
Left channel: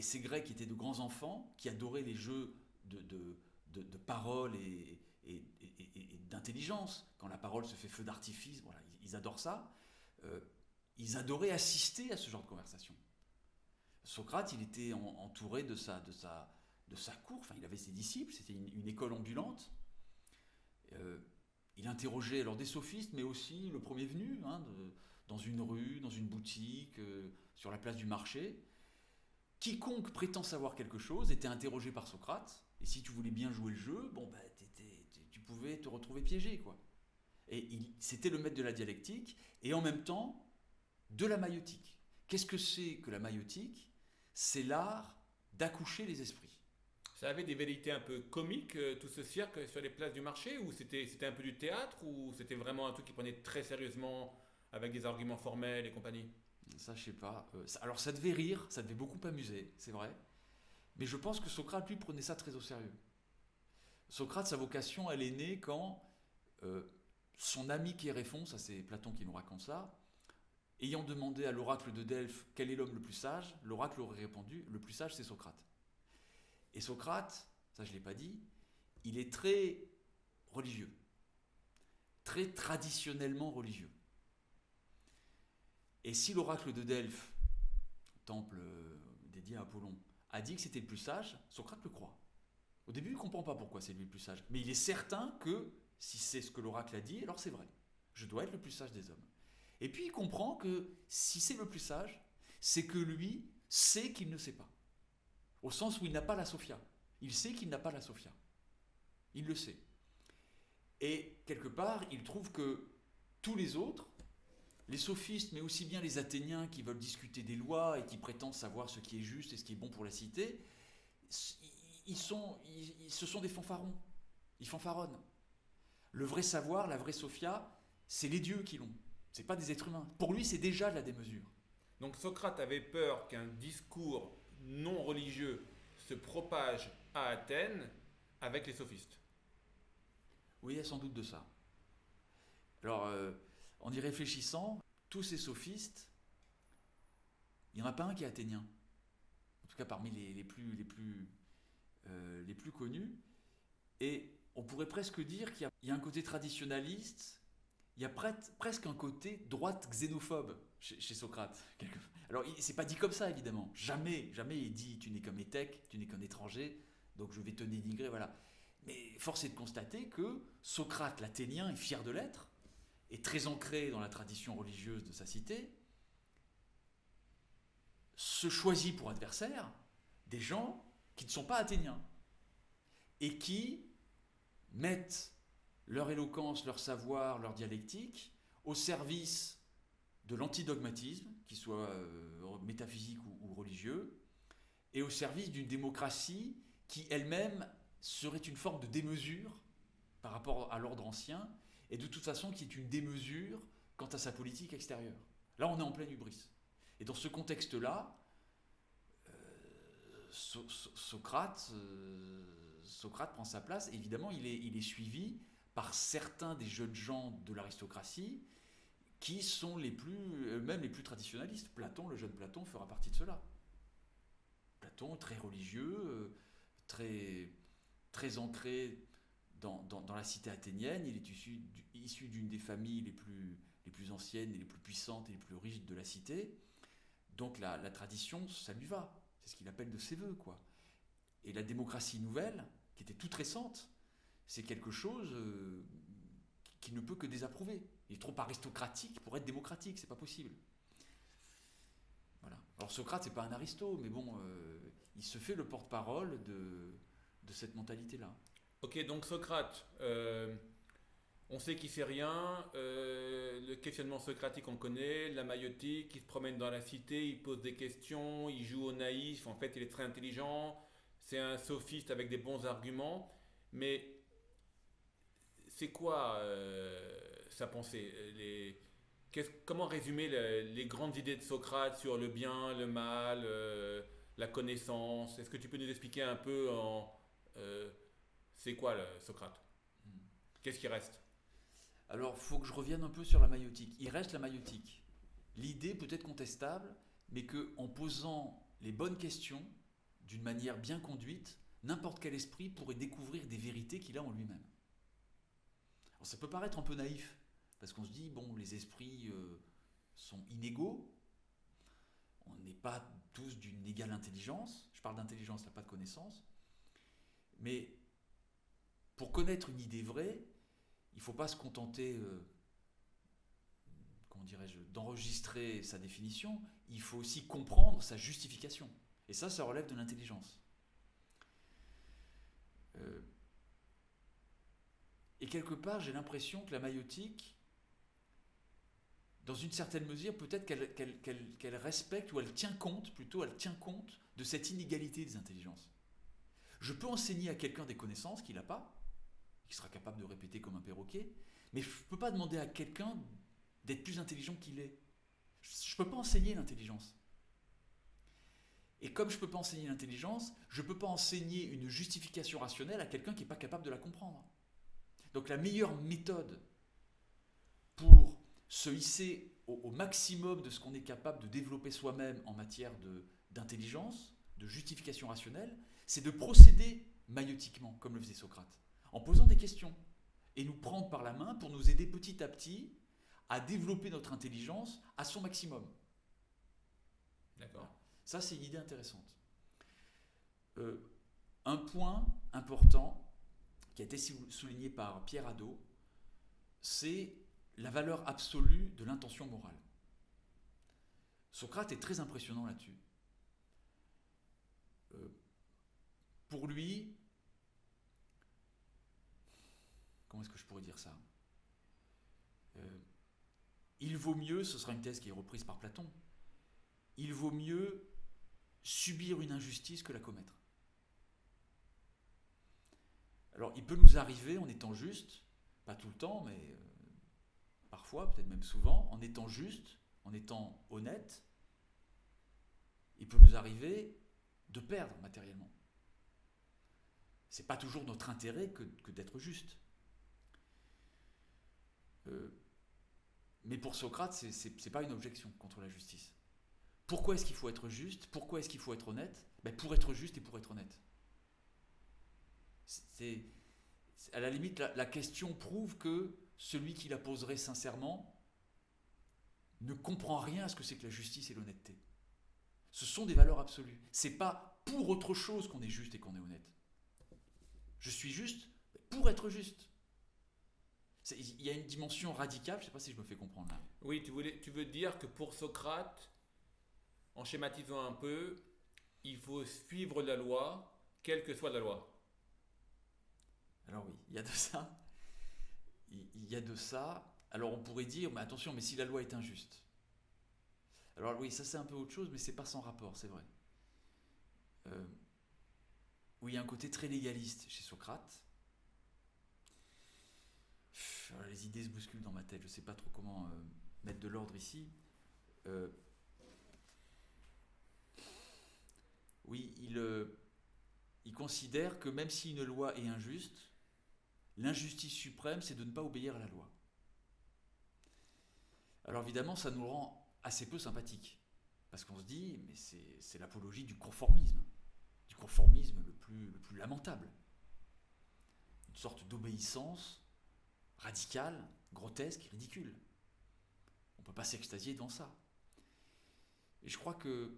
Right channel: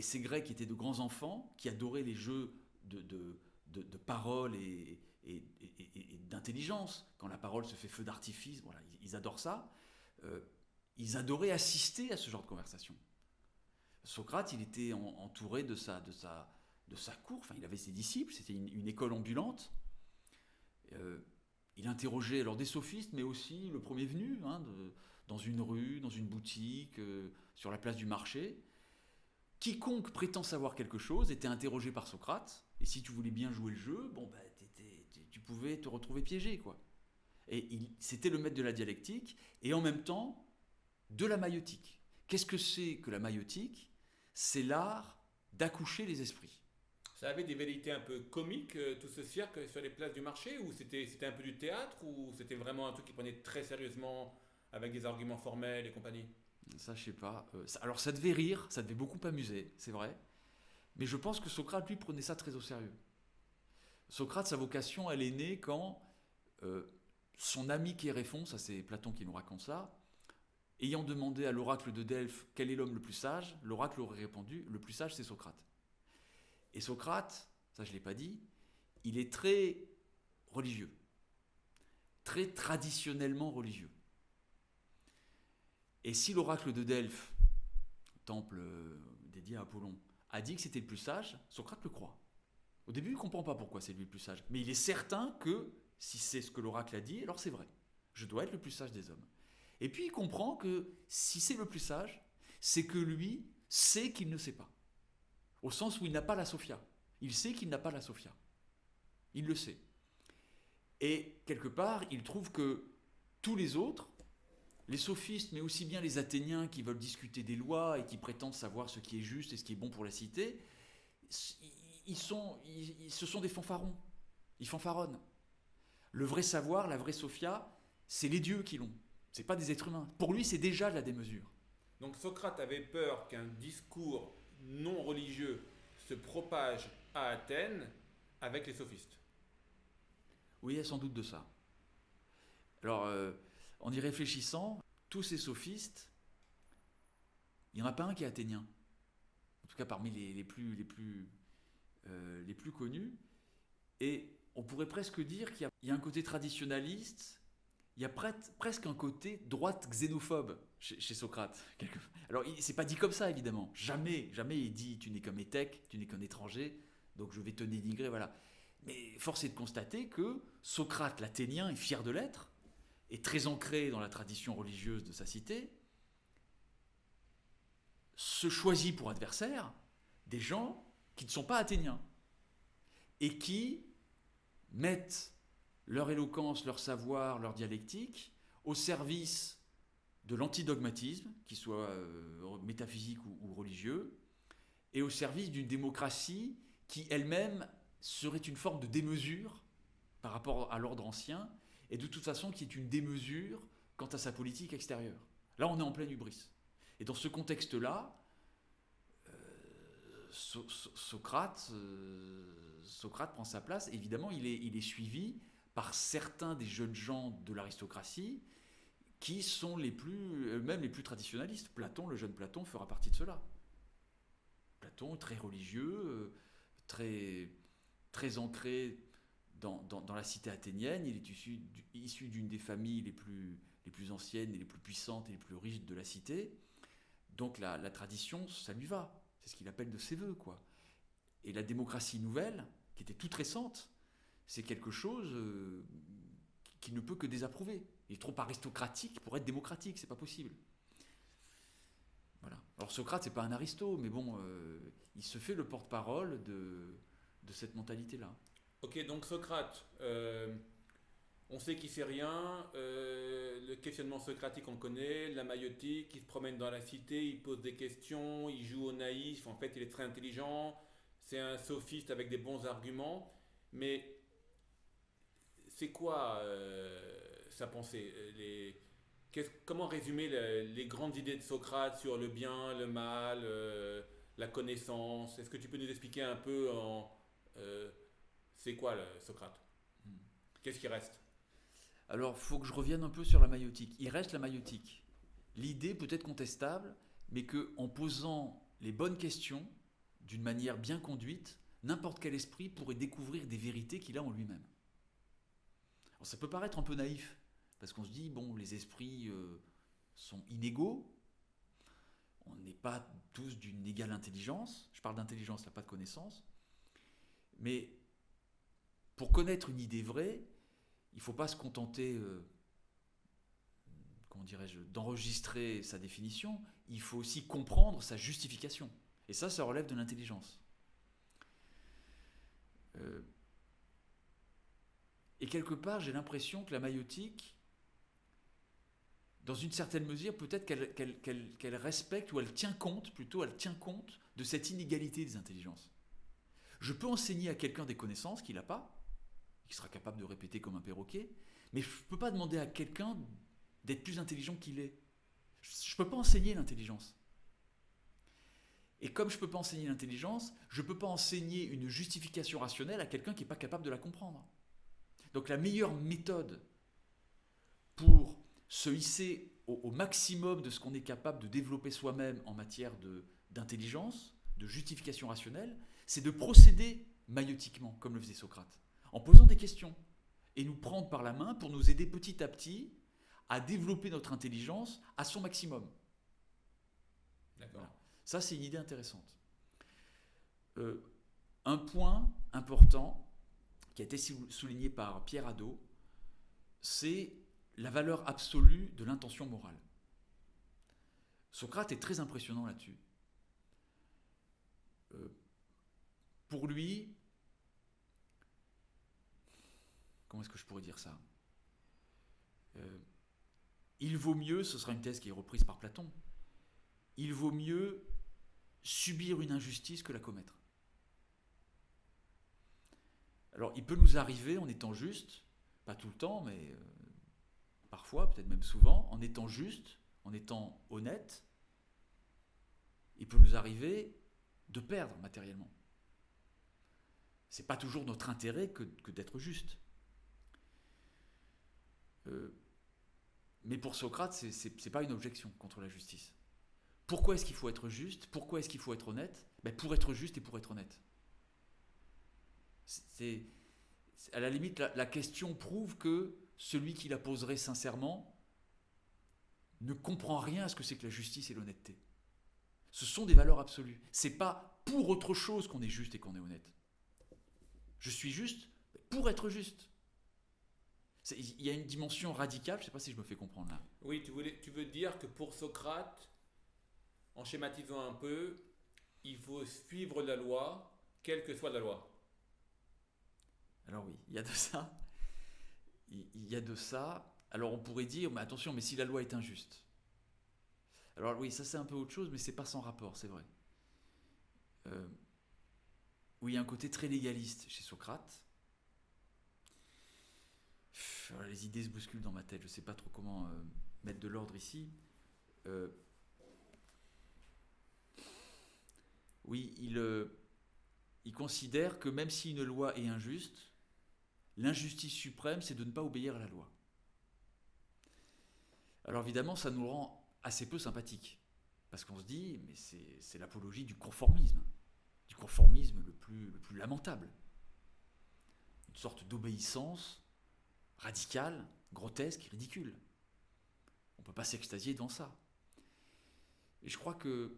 ces Grecs étaient de grands enfants qui adoraient les jeux de parole et d'intelligence. Quand la parole se fait feu d'artifice, voilà, ils adorent ça. Ils adoraient assister à ce genre de conversation. Socrate, il était entouré de sa cour, enfin, il avait ses disciples, c'était une école ambulante. Il interrogeait alors des sophistes, mais aussi le premier venu, dans une rue, dans une boutique, sur la place du marché. Quiconque prétend savoir quelque chose était interrogé par Socrate, et si tu voulais bien jouer le jeu, tu pouvais te retrouver piégé, quoi. Et c'était le maître de la dialectique, et en même temps, de la maïeutique. Qu'est-ce que c'est que la maïeutique? C'est l'art d'accoucher les esprits. Ça avait des velléités un peu comiques, tout ce cirque sur les places du marché, ou c'était un peu du théâtre, ou c'était vraiment un truc qui prenait très sérieusement avec des arguments formels et compagnie? Ça, je sais pas. Alors, ça devait rire, ça devait beaucoup amuser, c'est vrai. Mais je pense que Socrate, lui, prenait ça très au sérieux. Socrate, sa vocation, elle est née quand son ami Chéréphon, ça c'est Platon qui nous raconte ça, ayant demandé à l'oracle de Delphes quel est l'homme le plus sage, l'oracle aurait répondu, le plus sage c'est Socrate. Et Socrate, ça je ne l'ai pas dit, il est très religieux, très traditionnellement religieux. Et si l'oracle de Delphes, temple dédié à Apollon, a dit que c'était le plus sage, Socrate le croit. Au début, il ne comprend pas pourquoi c'est lui le plus sage, mais il est certain que si c'est ce que l'oracle a dit, alors c'est vrai. Je dois être le plus sage des hommes. Et puis il comprend que si c'est le plus sage, c'est que lui sait qu'il ne sait pas. Au sens où il n'a pas la Sophia. Il sait qu'il n'a pas la Sophia. Il le sait. Et quelque part, il trouve que tous les autres, les sophistes, mais aussi bien les Athéniens qui veulent discuter des lois et qui prétendent savoir ce qui est juste et ce qui est bon pour la cité, ce sont des fanfarons. Ils fanfaronnent. Le vrai savoir, la vraie Sophia, c'est les dieux qui l'ont. C'est pas des êtres humains. Pour lui, c'est déjà de la démesure. Donc Socrate avait peur qu'un discours non religieux se propage à Athènes avec les sophistes. Oui, il y a sans doute de ça. Alors, en y réfléchissant, tous ces sophistes, il n'y en a pas un qui est athénien. En tout cas, parmi les plus connus. Et on pourrait presque dire qu'il y a un côté traditionnaliste, il y a presque un côté droite xénophobe chez Socrate. Alors, c'est pas dit comme ça, évidemment. Jamais il dit tu n'es qu'un métèque, tu n'es qu'un étranger, donc je vais te dénigrer, voilà. Mais force est de constater que Socrate, l'Athénien, est fier de l'être, est très ancré dans la tradition religieuse de sa cité, se choisit pour adversaire des gens qui ne sont pas athéniens et qui mettent leur éloquence, leur savoir, leur dialectique au service de l'antidogmatisme, qu'il soit métaphysique ou religieux, et au service d'une démocratie qui elle-même serait une forme de démesure par rapport à l'ordre ancien, et de toute façon qui est une démesure quant à sa politique extérieure. Là, on est en pleine hubris. Et dans ce contexte-là, Socrate prend sa place. Évidemment, il est suivi par certains des jeunes gens de l'aristocratie qui sont même les plus traditionnalistes. Platon, le jeune Platon, fera partie de cela. Platon, très religieux, très ancré dans la cité athénienne. Il est issu d'une des familles les plus anciennes et les plus puissantes et les plus riches de la cité. Donc la tradition, ça lui va. C'est ce qu'il appelle de ses voeux, quoi. Et la démocratie nouvelle, qui était toute récente, c'est quelque chose qui ne peut que désapprouver. Il est trop aristocratique pour être démocratique, c'est pas possible. Voilà. Alors Socrate, c'est pas un aristo, mais bon, il se fait le porte-parole de cette mentalité-là. Ok, donc Socrate, on sait qu'il sait rien, le questionnement socratique on connaît, la maïeutique, il se promène dans la cité, il pose des questions, il joue au naïf, en fait il est très intelligent, c'est un sophiste avec des bons arguments, mais c'est quoi sa pensée comment résumer les grandes idées de Socrate sur le bien, le mal, la connaissance? Est-ce que tu peux nous expliquer un peu c'est quoi Socrate? Qu'est-ce qui reste? Alors, il faut que je revienne un peu sur la maïeutique. Il reste la maïeutique. L'idée peut être contestable, mais qu'en posant les bonnes questions, d'une manière bien conduite, n'importe quel esprit pourrait découvrir des vérités qu'il a en lui-même. Alors, ça peut paraître un peu naïf, parce qu'on se dit, bon, les esprits sont inégaux, on n'est pas tous d'une égale intelligence, je parle d'intelligence, là, pas de connaissance, mais pour connaître une idée vraie, il ne faut pas se contenter, d'enregistrer sa définition, il faut aussi comprendre sa justification. Et ça relève de l'intelligence. Et quelque part, j'ai l'impression que la maïeutique, dans une certaine mesure, peut-être qu'elle respecte, ou elle tient compte de cette inégalité des intelligences. Je peux enseigner à quelqu'un des connaissances qu'il n'a pas, qui sera capable de répéter comme un perroquet, mais je ne peux pas demander à quelqu'un d'être plus intelligent qu'il est. Je ne peux pas enseigner l'intelligence. Et comme je ne peux pas enseigner l'intelligence, je ne peux pas enseigner une justification rationnelle à quelqu'un qui n'est pas capable de la comprendre. Donc la meilleure méthode pour se hisser au maximum de ce qu'on est capable de développer soi-même en matière d'intelligence, de justification rationnelle, c'est de procéder maïotiquement, comme le faisait Socrate, en posant des questions, et nous prendre par la main pour nous aider petit à petit à développer notre intelligence à son maximum. D'accord. Voilà. Ça, c'est une idée intéressante. Un point important qui a été souligné par Pierre Hadot, c'est la valeur absolue de l'intention morale. Socrate est très impressionnant là-dessus. Pour lui, comment est-ce que je pourrais dire ça ? Il vaut mieux, ce sera une thèse qui est reprise par Platon, il vaut mieux subir une injustice que la commettre. Alors, il peut nous arriver, en étant juste, pas tout le temps, mais parfois, peut-être même souvent, en étant juste, en étant honnête, il peut nous arriver de perdre matériellement. C'est pas toujours notre intérêt que d'être juste. Mais pour Socrate, c'est pas une objection contre la justice. Pourquoi est-ce qu'il faut être juste ? Pourquoi est-ce qu'il faut être honnête ? Pour être juste et pour être honnête. À la limite, la question prouve que celui qui la poserait sincèrement ne comprend rien à ce que c'est que la justice et l'honnêteté. Ce sont des valeurs absolues. C'est pas pour autre chose qu'on est juste et qu'on est honnête. Je suis juste pour être juste. Il y a une dimension radicale, je ne sais pas si je me fais comprendre là. Oui, tu veux dire que pour Socrate, en schématisant un peu, il faut suivre la loi, quelle que soit la loi. Alors oui, il y a de ça. Il y a de ça. Alors on pourrait dire, mais attention, mais si la loi est injuste. Alors oui, ça c'est un peu autre chose, mais c'est pas sans rapport, c'est vrai. Oui, il y a un côté très légaliste chez Socrate. Les idées se bousculent dans ma tête, je ne sais pas trop comment mettre de l'ordre ici. Oui, il considère que même si une loi est injuste, l'injustice suprême, c'est de ne pas obéir à la loi. Alors évidemment, ça nous rend assez peu sympathiques, parce qu'on se dit, mais c'est l'apologie du conformisme le plus lamentable. Une sorte d'obéissance radicale, grotesque, ridicule. On ne peut pas s'extasier devant ça. Et je crois que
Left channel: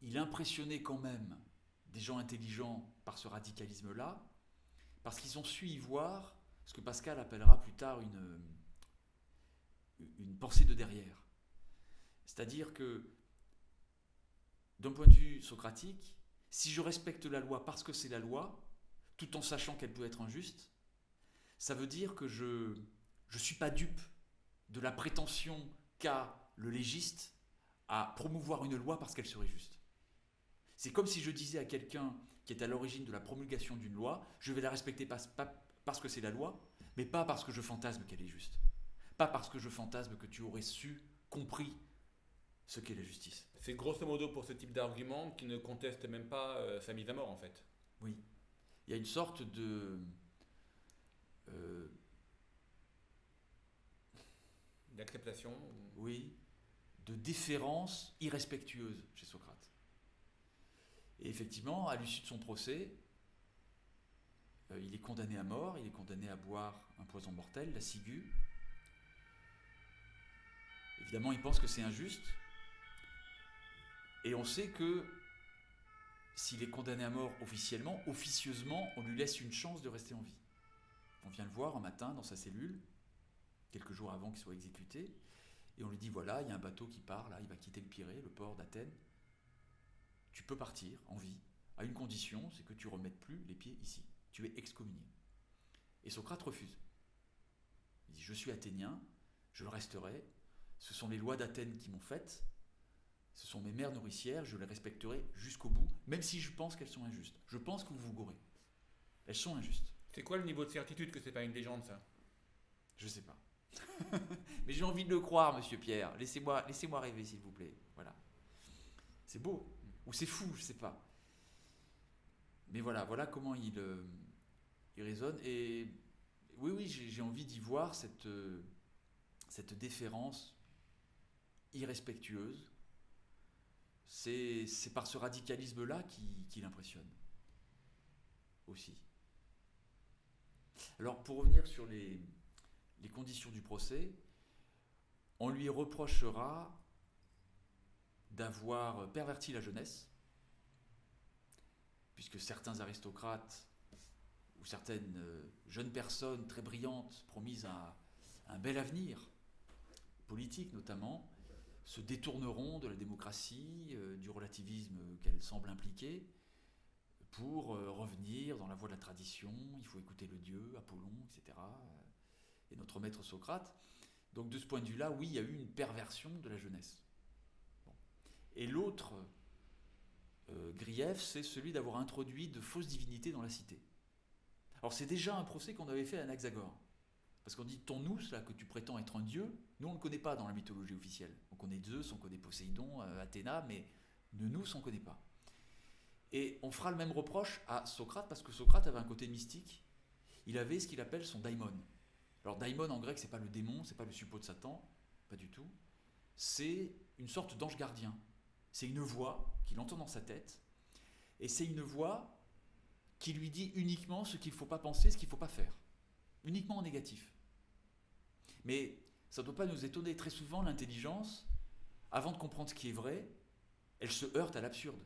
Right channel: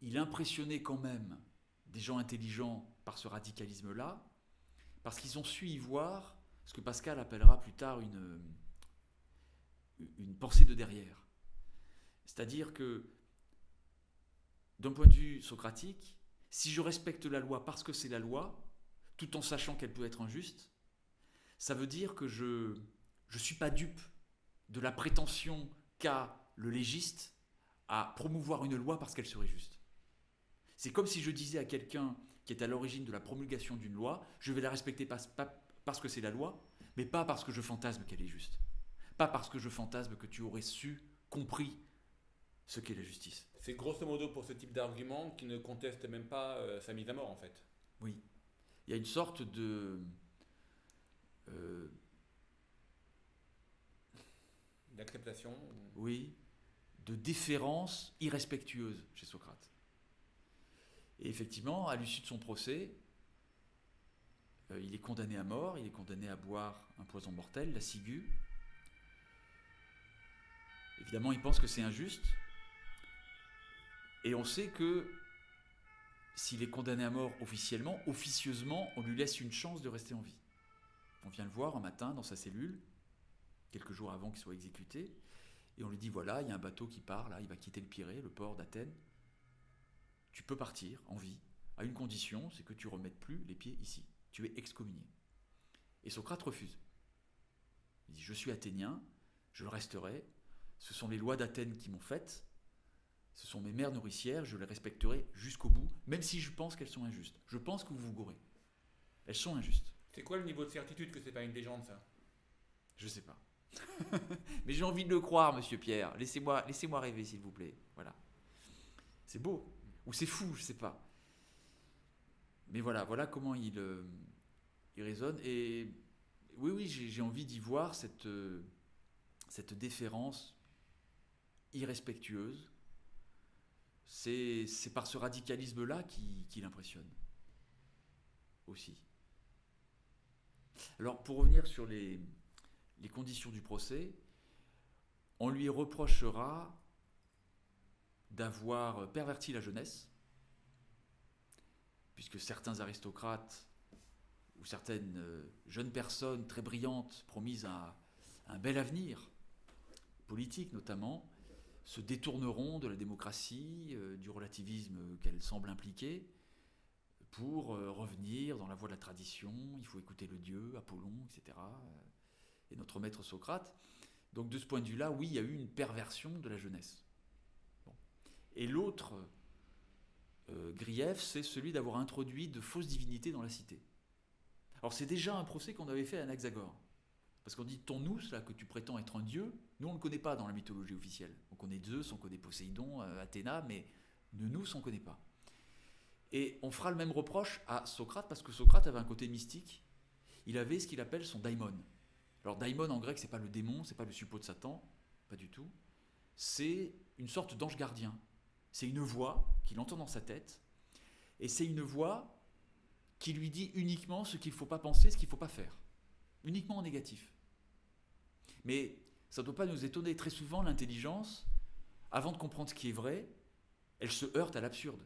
il impressionnait quand même des gens intelligents par ce radicalisme-là, parce qu'ils ont su y voir ce que Pascal appellera plus tard une pensée de derrière. C'est-à-dire que, d'un point de vue socratique, si je respecte la loi parce que c'est la loi, tout en sachant qu'elle peut être injuste, ça veut dire que je ne suis pas dupe de la prétention qu'a le légiste à promouvoir une loi parce qu'elle serait juste. C'est comme si je disais à quelqu'un qui est à l'origine de la promulgation d'une loi, je vais la respecter pas parce que c'est la loi, mais pas parce que je fantasme qu'elle est juste. Pas parce que je fantasme que tu aurais compris ce qu'est la justice. C'est grosso modo pour ce type d'argument qui ne conteste même pas sa mise à mort en fait. Oui. Il y a une sorte d'acceptation. Oui, de déférence irrespectueuse chez Socrate. Et effectivement, à l'issue de son procès, il est condamné à mort, il est condamné à boire un poison mortel, la ciguë. Évidemment, il pense que c'est injuste. Et on sait que s'il est condamné à mort officiellement, officieusement, on lui laisse une chance de rester en vie. On vient le voir un matin dans sa cellule, quelques jours avant qu'il soit exécuté, et on lui dit, voilà, il y a un bateau qui part, là, il va quitter le Pirée, le port d'Athènes. Tu peux partir en vie, à une condition, c'est que tu ne remettes plus les pieds ici. Tu es excommunié. Et Socrate refuse. Il dit, je suis athénien, je le resterai. Ce sont les lois d'Athènes qui m'ont faite. Ce sont mes mères nourricières, je les respecterai jusqu'au bout, même si je pense qu'elles sont injustes. Je pense que vous vous gourrez. Elles sont injustes. C'est quoi le niveau de certitude que c'est pas une légende, ça? Je sais pas. Mais j'ai envie de le croire, monsieur Pierre. Laissez-moi rêver, s'il vous plaît. Voilà. C'est beau. Ou c'est fou, je sais pas. Mais voilà comment il résonne. Et oui, j'ai envie d'y voir cette déférence irrespectueuse. C'est par ce radicalisme-là qu'il impressionne aussi. Alors, pour revenir sur les conditions du procès, on lui reprochera d'avoir perverti la jeunesse, puisque certains aristocrates ou certaines jeunes personnes très brillantes, promises à un bel avenir, politique notamment, se détourneront de la démocratie, du relativisme qu'elle semble impliquer, pour revenir dans la voie de la tradition. Il faut écouter le dieu, Apollon, etc. Et notre maître Socrate. Donc de ce point de vue-là, oui, il y a eu une perversion de la jeunesse. Bon. Et l'autre grief, c'est celui d'avoir introduit de fausses divinités dans la cité. Alors c'est déjà un procès qu'on avait fait à Anaxagore. Parce qu'on dit, ton nous, là, que tu prétends être un dieu, nous on ne le connaît pas dans la mythologie officielle. On connaît Zeus, on connaît Poséidon, Athéna, mais de nous, on ne connaît pas. Et on fera le même reproche à Socrate, parce que Socrate avait un côté mystique. Il avait ce qu'il appelle son daimon. Alors daimon en grec, c'est pas le démon, c'est pas le suppôt de Satan, pas du tout. C'est une sorte d'ange gardien. C'est une voix qu'il entend dans sa tête, et c'est une voix qui lui dit uniquement ce qu'il ne faut pas penser, ce qu'il ne faut pas faire. Uniquement en négatif. Mais ça ne doit pas nous étonner. Très souvent, l'intelligence, avant de comprendre ce qui est vrai, elle se heurte à l'absurde.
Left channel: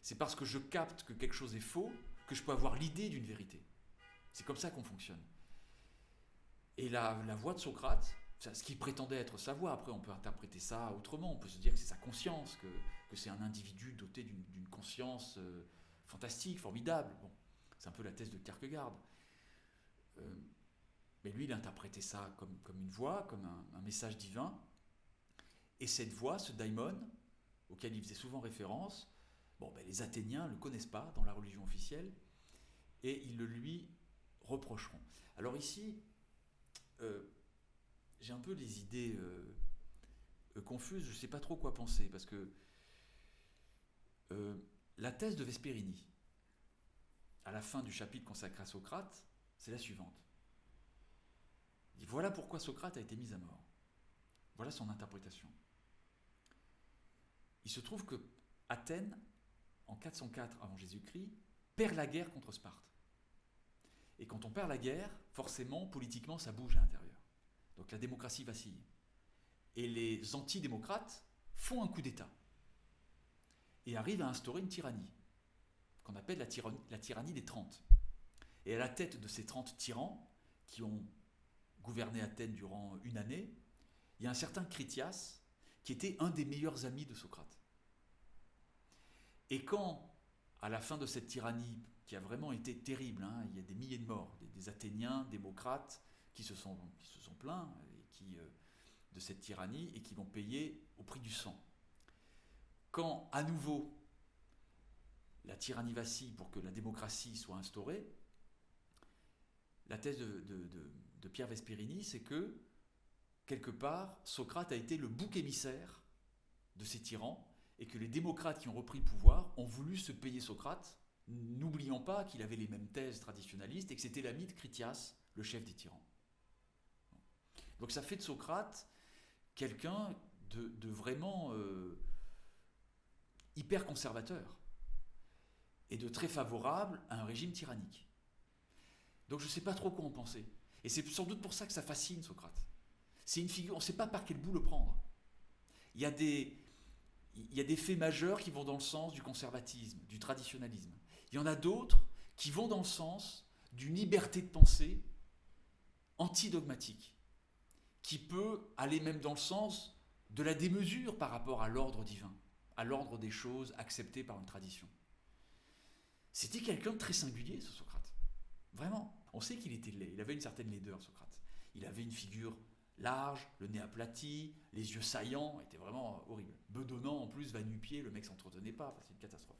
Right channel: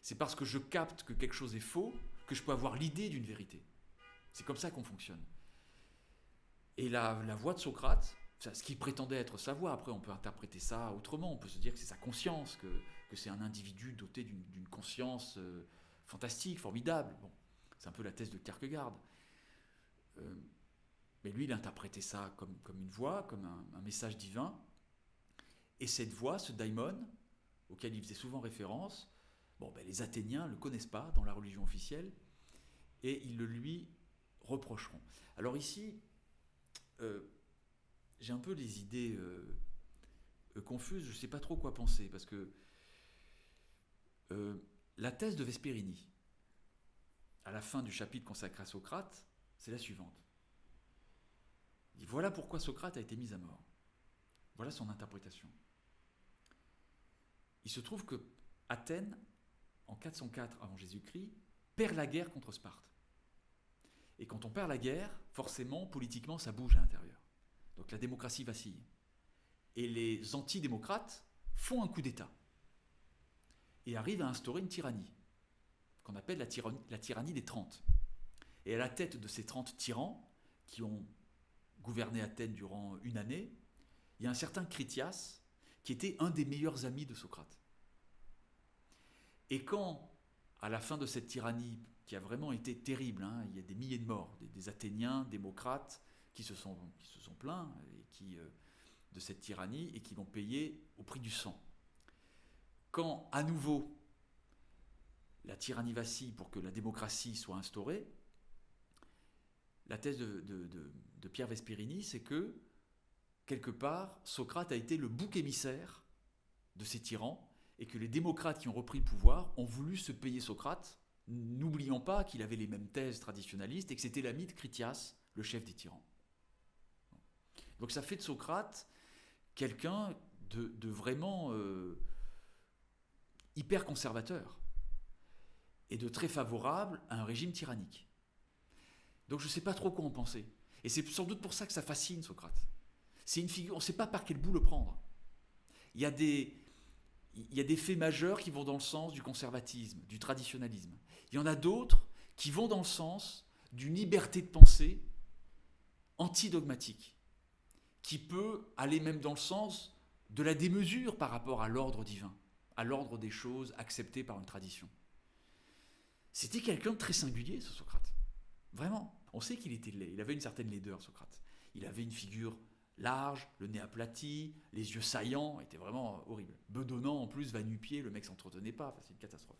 C'est parce que je capte que quelque chose est faux que je peux avoir l'idée d'une vérité. C'est comme ça qu'on fonctionne. Et la voix de Socrate, ce qui prétendait être sa voix, après on peut interpréter ça autrement, on peut se dire que c'est sa conscience, que c'est un individu doté d'une conscience fantastique, formidable. Bon, c'est un peu la thèse de Kierkegaard. Mais lui, il interprétait ça comme une voix, comme un message divin. Et cette voix, ce daimon, auquel il faisait souvent référence, les Athéniens ne le connaissent pas dans la religion officielle, et ils le lui reprocheront. Alors ici, j'ai un peu les idées confuses, je ne sais pas trop quoi penser, parce que la thèse de Vesperini, à la fin du chapitre consacré à Socrate, c'est la suivante. Il dit, voilà pourquoi Socrate a été mis à mort. Voilà son interprétation. Il se trouve que Athènes, en 404 avant Jésus-Christ, perd la guerre contre Sparte. Et quand on perd la guerre, forcément, politiquement, ça bouge à l'intérieur. Donc la démocratie vacille. Et les antidémocrates font un coup d'État et arrivent à instaurer une tyrannie, qu'on appelle la tyrannie des 30. Et à la tête de ces 30 tyrans, qui ont gouverné Athènes durant une année, il y a un certain Critias, qui était un des meilleurs amis de Socrate. Et quand, à la fin de cette tyrannie, qui a vraiment été terrible, il y a des milliers de morts, des Athéniens, démocrates, qui se sont plaints de cette tyrannie et qui l'ont payé au prix du sang. Quand, à nouveau, la tyrannie vacille pour que la démocratie soit instaurée, la thèse de Pierre Vesperini, c'est que, quelque part, Socrate a été le bouc émissaire de ces tyrans, et que les démocrates qui ont repris le pouvoir ont voulu se payer Socrate, n'oubliant pas qu'il avait les mêmes thèses traditionnalistes et que c'était l'ami de Critias, le chef des tyrans. Donc ça fait de Socrate quelqu'un de vraiment hyper conservateur et de très favorable à un régime tyrannique. Donc je ne sais pas trop quoi en penser. Et c'est sans doute pour ça que ça fascine Socrate. C'est une figure, on ne sait pas par quel bout le prendre. Il y a des faits majeurs qui vont dans le sens du conservatisme, du traditionnalisme. Il y en a d'autres qui vont dans le sens d'une liberté de pensée antidogmatique, qui peut aller même dans le sens de la démesure par rapport à l'ordre divin, à l'ordre des choses acceptées par une tradition. C'était quelqu'un de très singulier, ce Socrate. Vraiment. On sait qu'il était laid, il avait une certaine laideur, Socrate. Il avait une figure large, le nez aplati, les yeux saillants, était vraiment horrible. Bedonnant en plus, va-nu-pied, le mec s'entretenait pas, enfin, c'est une catastrophe.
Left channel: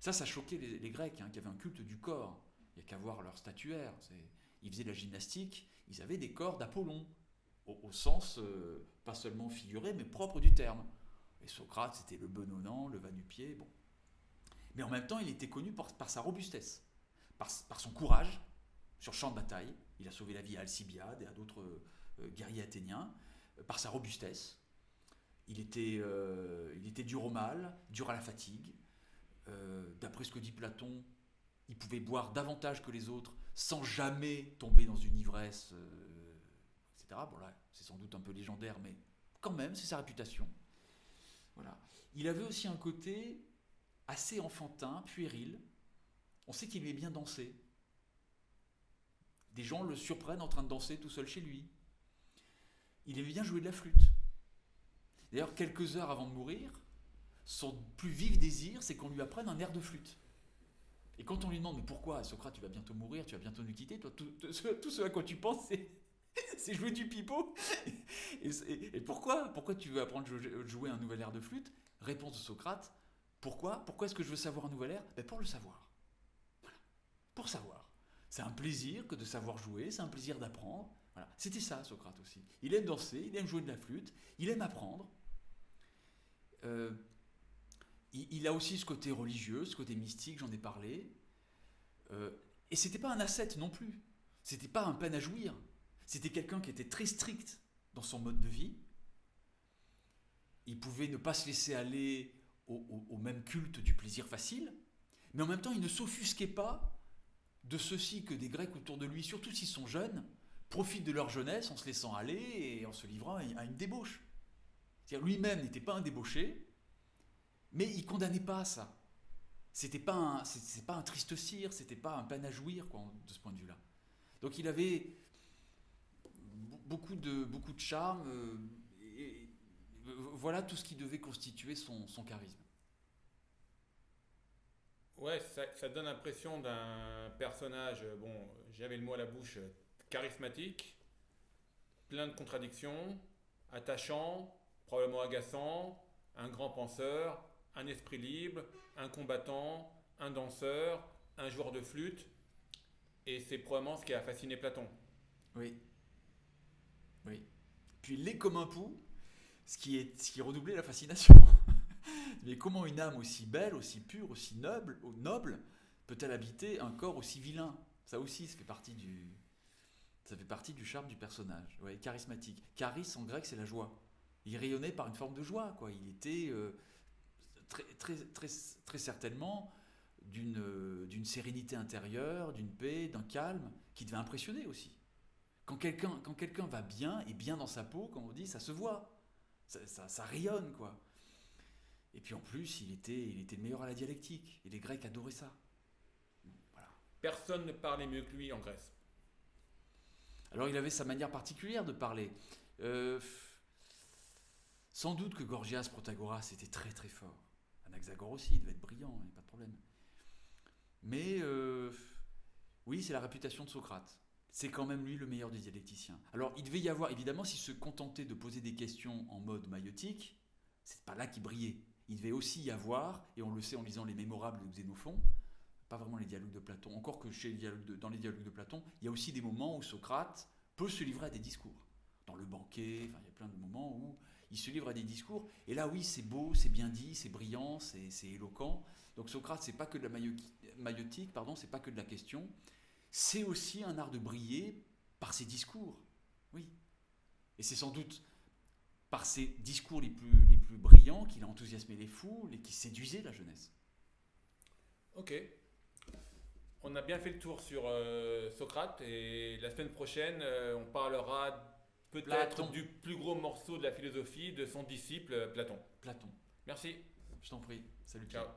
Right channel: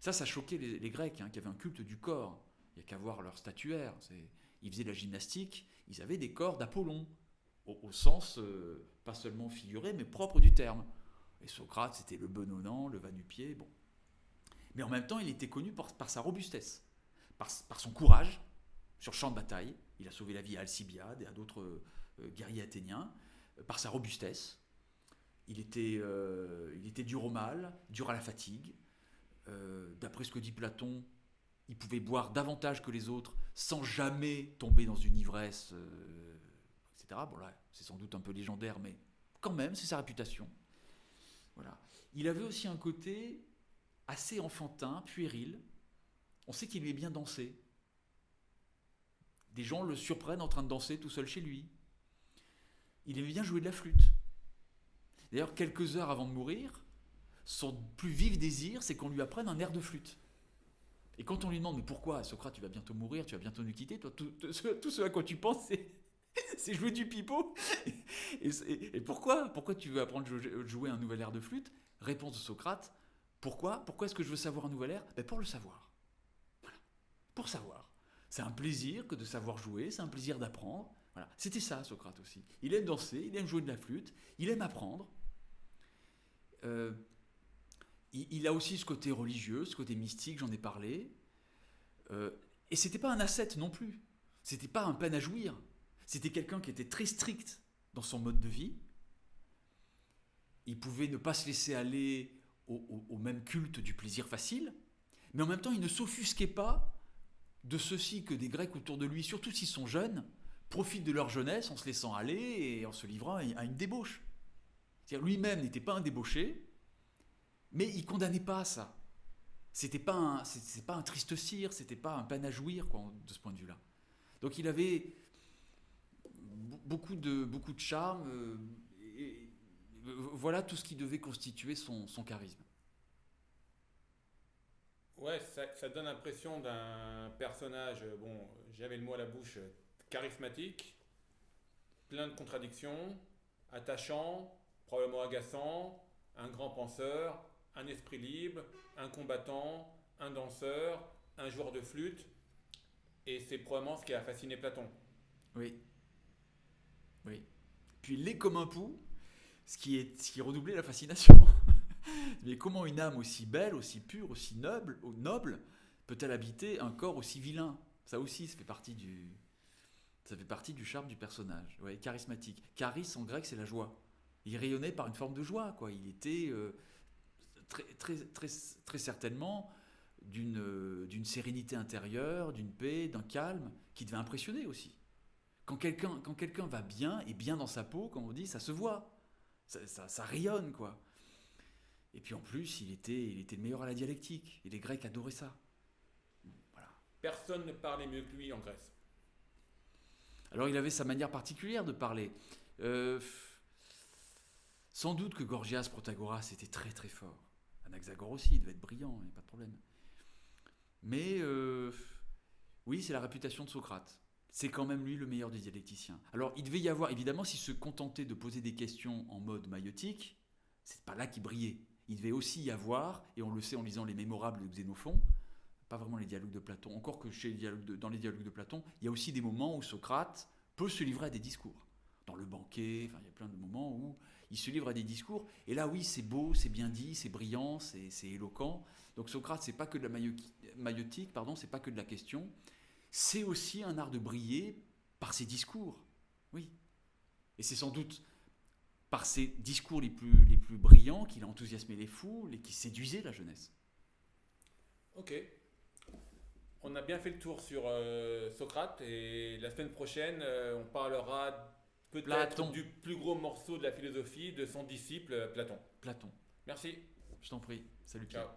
Ça choquait les Grecs, qui avaient un culte du corps. Il n'y a qu'à voir leur statuaire. Ils faisaient de la gymnastique, ils avaient des corps d'Apollon, au sens pas seulement figuré, mais propre du terme. Et Socrate, c'était le bedonnant, le va-nu-pied, bon. Mais en même temps, il était connu par sa robustesse, par son courage sur le champ de bataille. Il a sauvé la vie à Alcibiade et à d'autres guerriers athéniens, par sa robustesse. Il était dur au mal, dur à la fatigue. D'après ce que dit Platon, il pouvait boire davantage que les autres sans jamais tomber dans une ivresse, etc. Bon là, c'est sans doute un peu légendaire, mais quand même, c'est sa réputation. Voilà. Il avait aussi un côté assez enfantin, puéril. On sait qu'il aimait bien danser. Des gens le surprennent en train de danser tout seul chez lui. Il aimait bien jouer de la flûte. D'ailleurs, quelques heures avant de mourir, son plus vif désir, c'est qu'on lui apprenne un air de flûte. Et quand on lui demande, mais pourquoi, Socrate, tu vas bientôt mourir, tu vas bientôt nous quitter, toi, tout ce à quoi tu penses, c'est jouer du pipeau. Et pourquoi tu veux apprendre à jouer un nouvel air de flûte? Réponse de Socrate, pourquoi est-ce que je veux savoir un nouvel air? Pour le savoir. Voilà. Pour savoir. C'est un plaisir que de savoir jouer, c'est un plaisir d'apprendre. Voilà. C'était ça, Socrate aussi. Il aime danser, il aime jouer de la flûte, il aime apprendre. Il a aussi ce côté religieux, ce côté mystique, j'en ai parlé. Et c'était pas un ascète non plus. C'était pas un peine à jouir. C'était quelqu'un qui était très strict dans son mode de vie. Il pouvait ne pas se laisser aller au même culte du plaisir facile, mais en même temps, il ne s'offusquait pas de ceci que des Grecs autour de lui, surtout s'ils sont jeunes, profitent de leur jeunesse en se laissant aller et en se livrant à une débauche. C'est-à-dire lui-même n'était pas un débauché, mais il ne condamnait pas ça. C'était pas un triste cire, c'était pas un peine à jouir, quoi, de ce point de vue-là. Donc il avait beaucoup de charme, et voilà tout ce qui devait constituer son charisme. Ouais, ça donne l'impression d'un personnage, bon, j'avais le mot à la bouche, charismatique, plein de contradictions, attachant, probablement agaçant, un grand penseur, un esprit libre, un combattant, un danseur, un joueur de flûte, et c'est probablement ce qui a fasciné Platon. Oui. Puis l'est comme un pou, ce qui redoublait la fascination. Mais comment une âme aussi belle, aussi pure, aussi noble peut-elle habiter un corps aussi vilain? Ça aussi, ça fait partie du charme du personnage. Ouais, charismatique. Charis en grec, c'est la joie. Il rayonnait par une forme de joie, quoi. Il était très certainement d'une sérénité intérieure, d'une paix, d'un calme, qui devait impressionner aussi. Quand quelqu'un va bien, et bien dans sa peau, comme on dit, ça se voit. Ça rayonne, quoi. Et puis en plus, il était le meilleur à la dialectique. Et les Grecs adoraient ça. Voilà. Personne ne parlait mieux que lui en Grèce. Alors il avait sa manière particulière de parler. Sans doute que Gorgias, Protagoras était très très fort. Anaxagore aussi, il devait être brillant, il n'y a pas de problème. Mais oui, c'est la réputation de Socrate. C'est quand même lui le meilleur des dialecticiens. Alors il devait y avoir, évidemment, s'il se contentait de poser des questions en mode maïotique, c'est pas là qu'il brillait. Il devait aussi y avoir, et on le sait en lisant les Mémorables de Xénophon, pas vraiment les dialogues de Platon, encore que dans les dialogues de Platon, il y a aussi des moments où Socrate peut se livrer à des discours. Dans le banquet, enfin, il y a plein de moments où il se livre à des discours, et là oui, c'est beau, c'est bien dit, c'est brillant, c'est éloquent. Donc Socrate, c'est pas que de la maïotique, c'est pas que de la question, c'est aussi un art de briller par ses discours. Oui. Et c'est sans doute par ses discours les plus brillants qu'il a enthousiasmé les foules et qui séduisait la jeunesse. Ok. On a bien fait le tour sur Socrate et la semaine prochaine, on parlera peut-être Platon. du plus gros morceau de la philosophie de son disciple Platon. Platon. Merci. Je t'en prie. Salut. Ciao.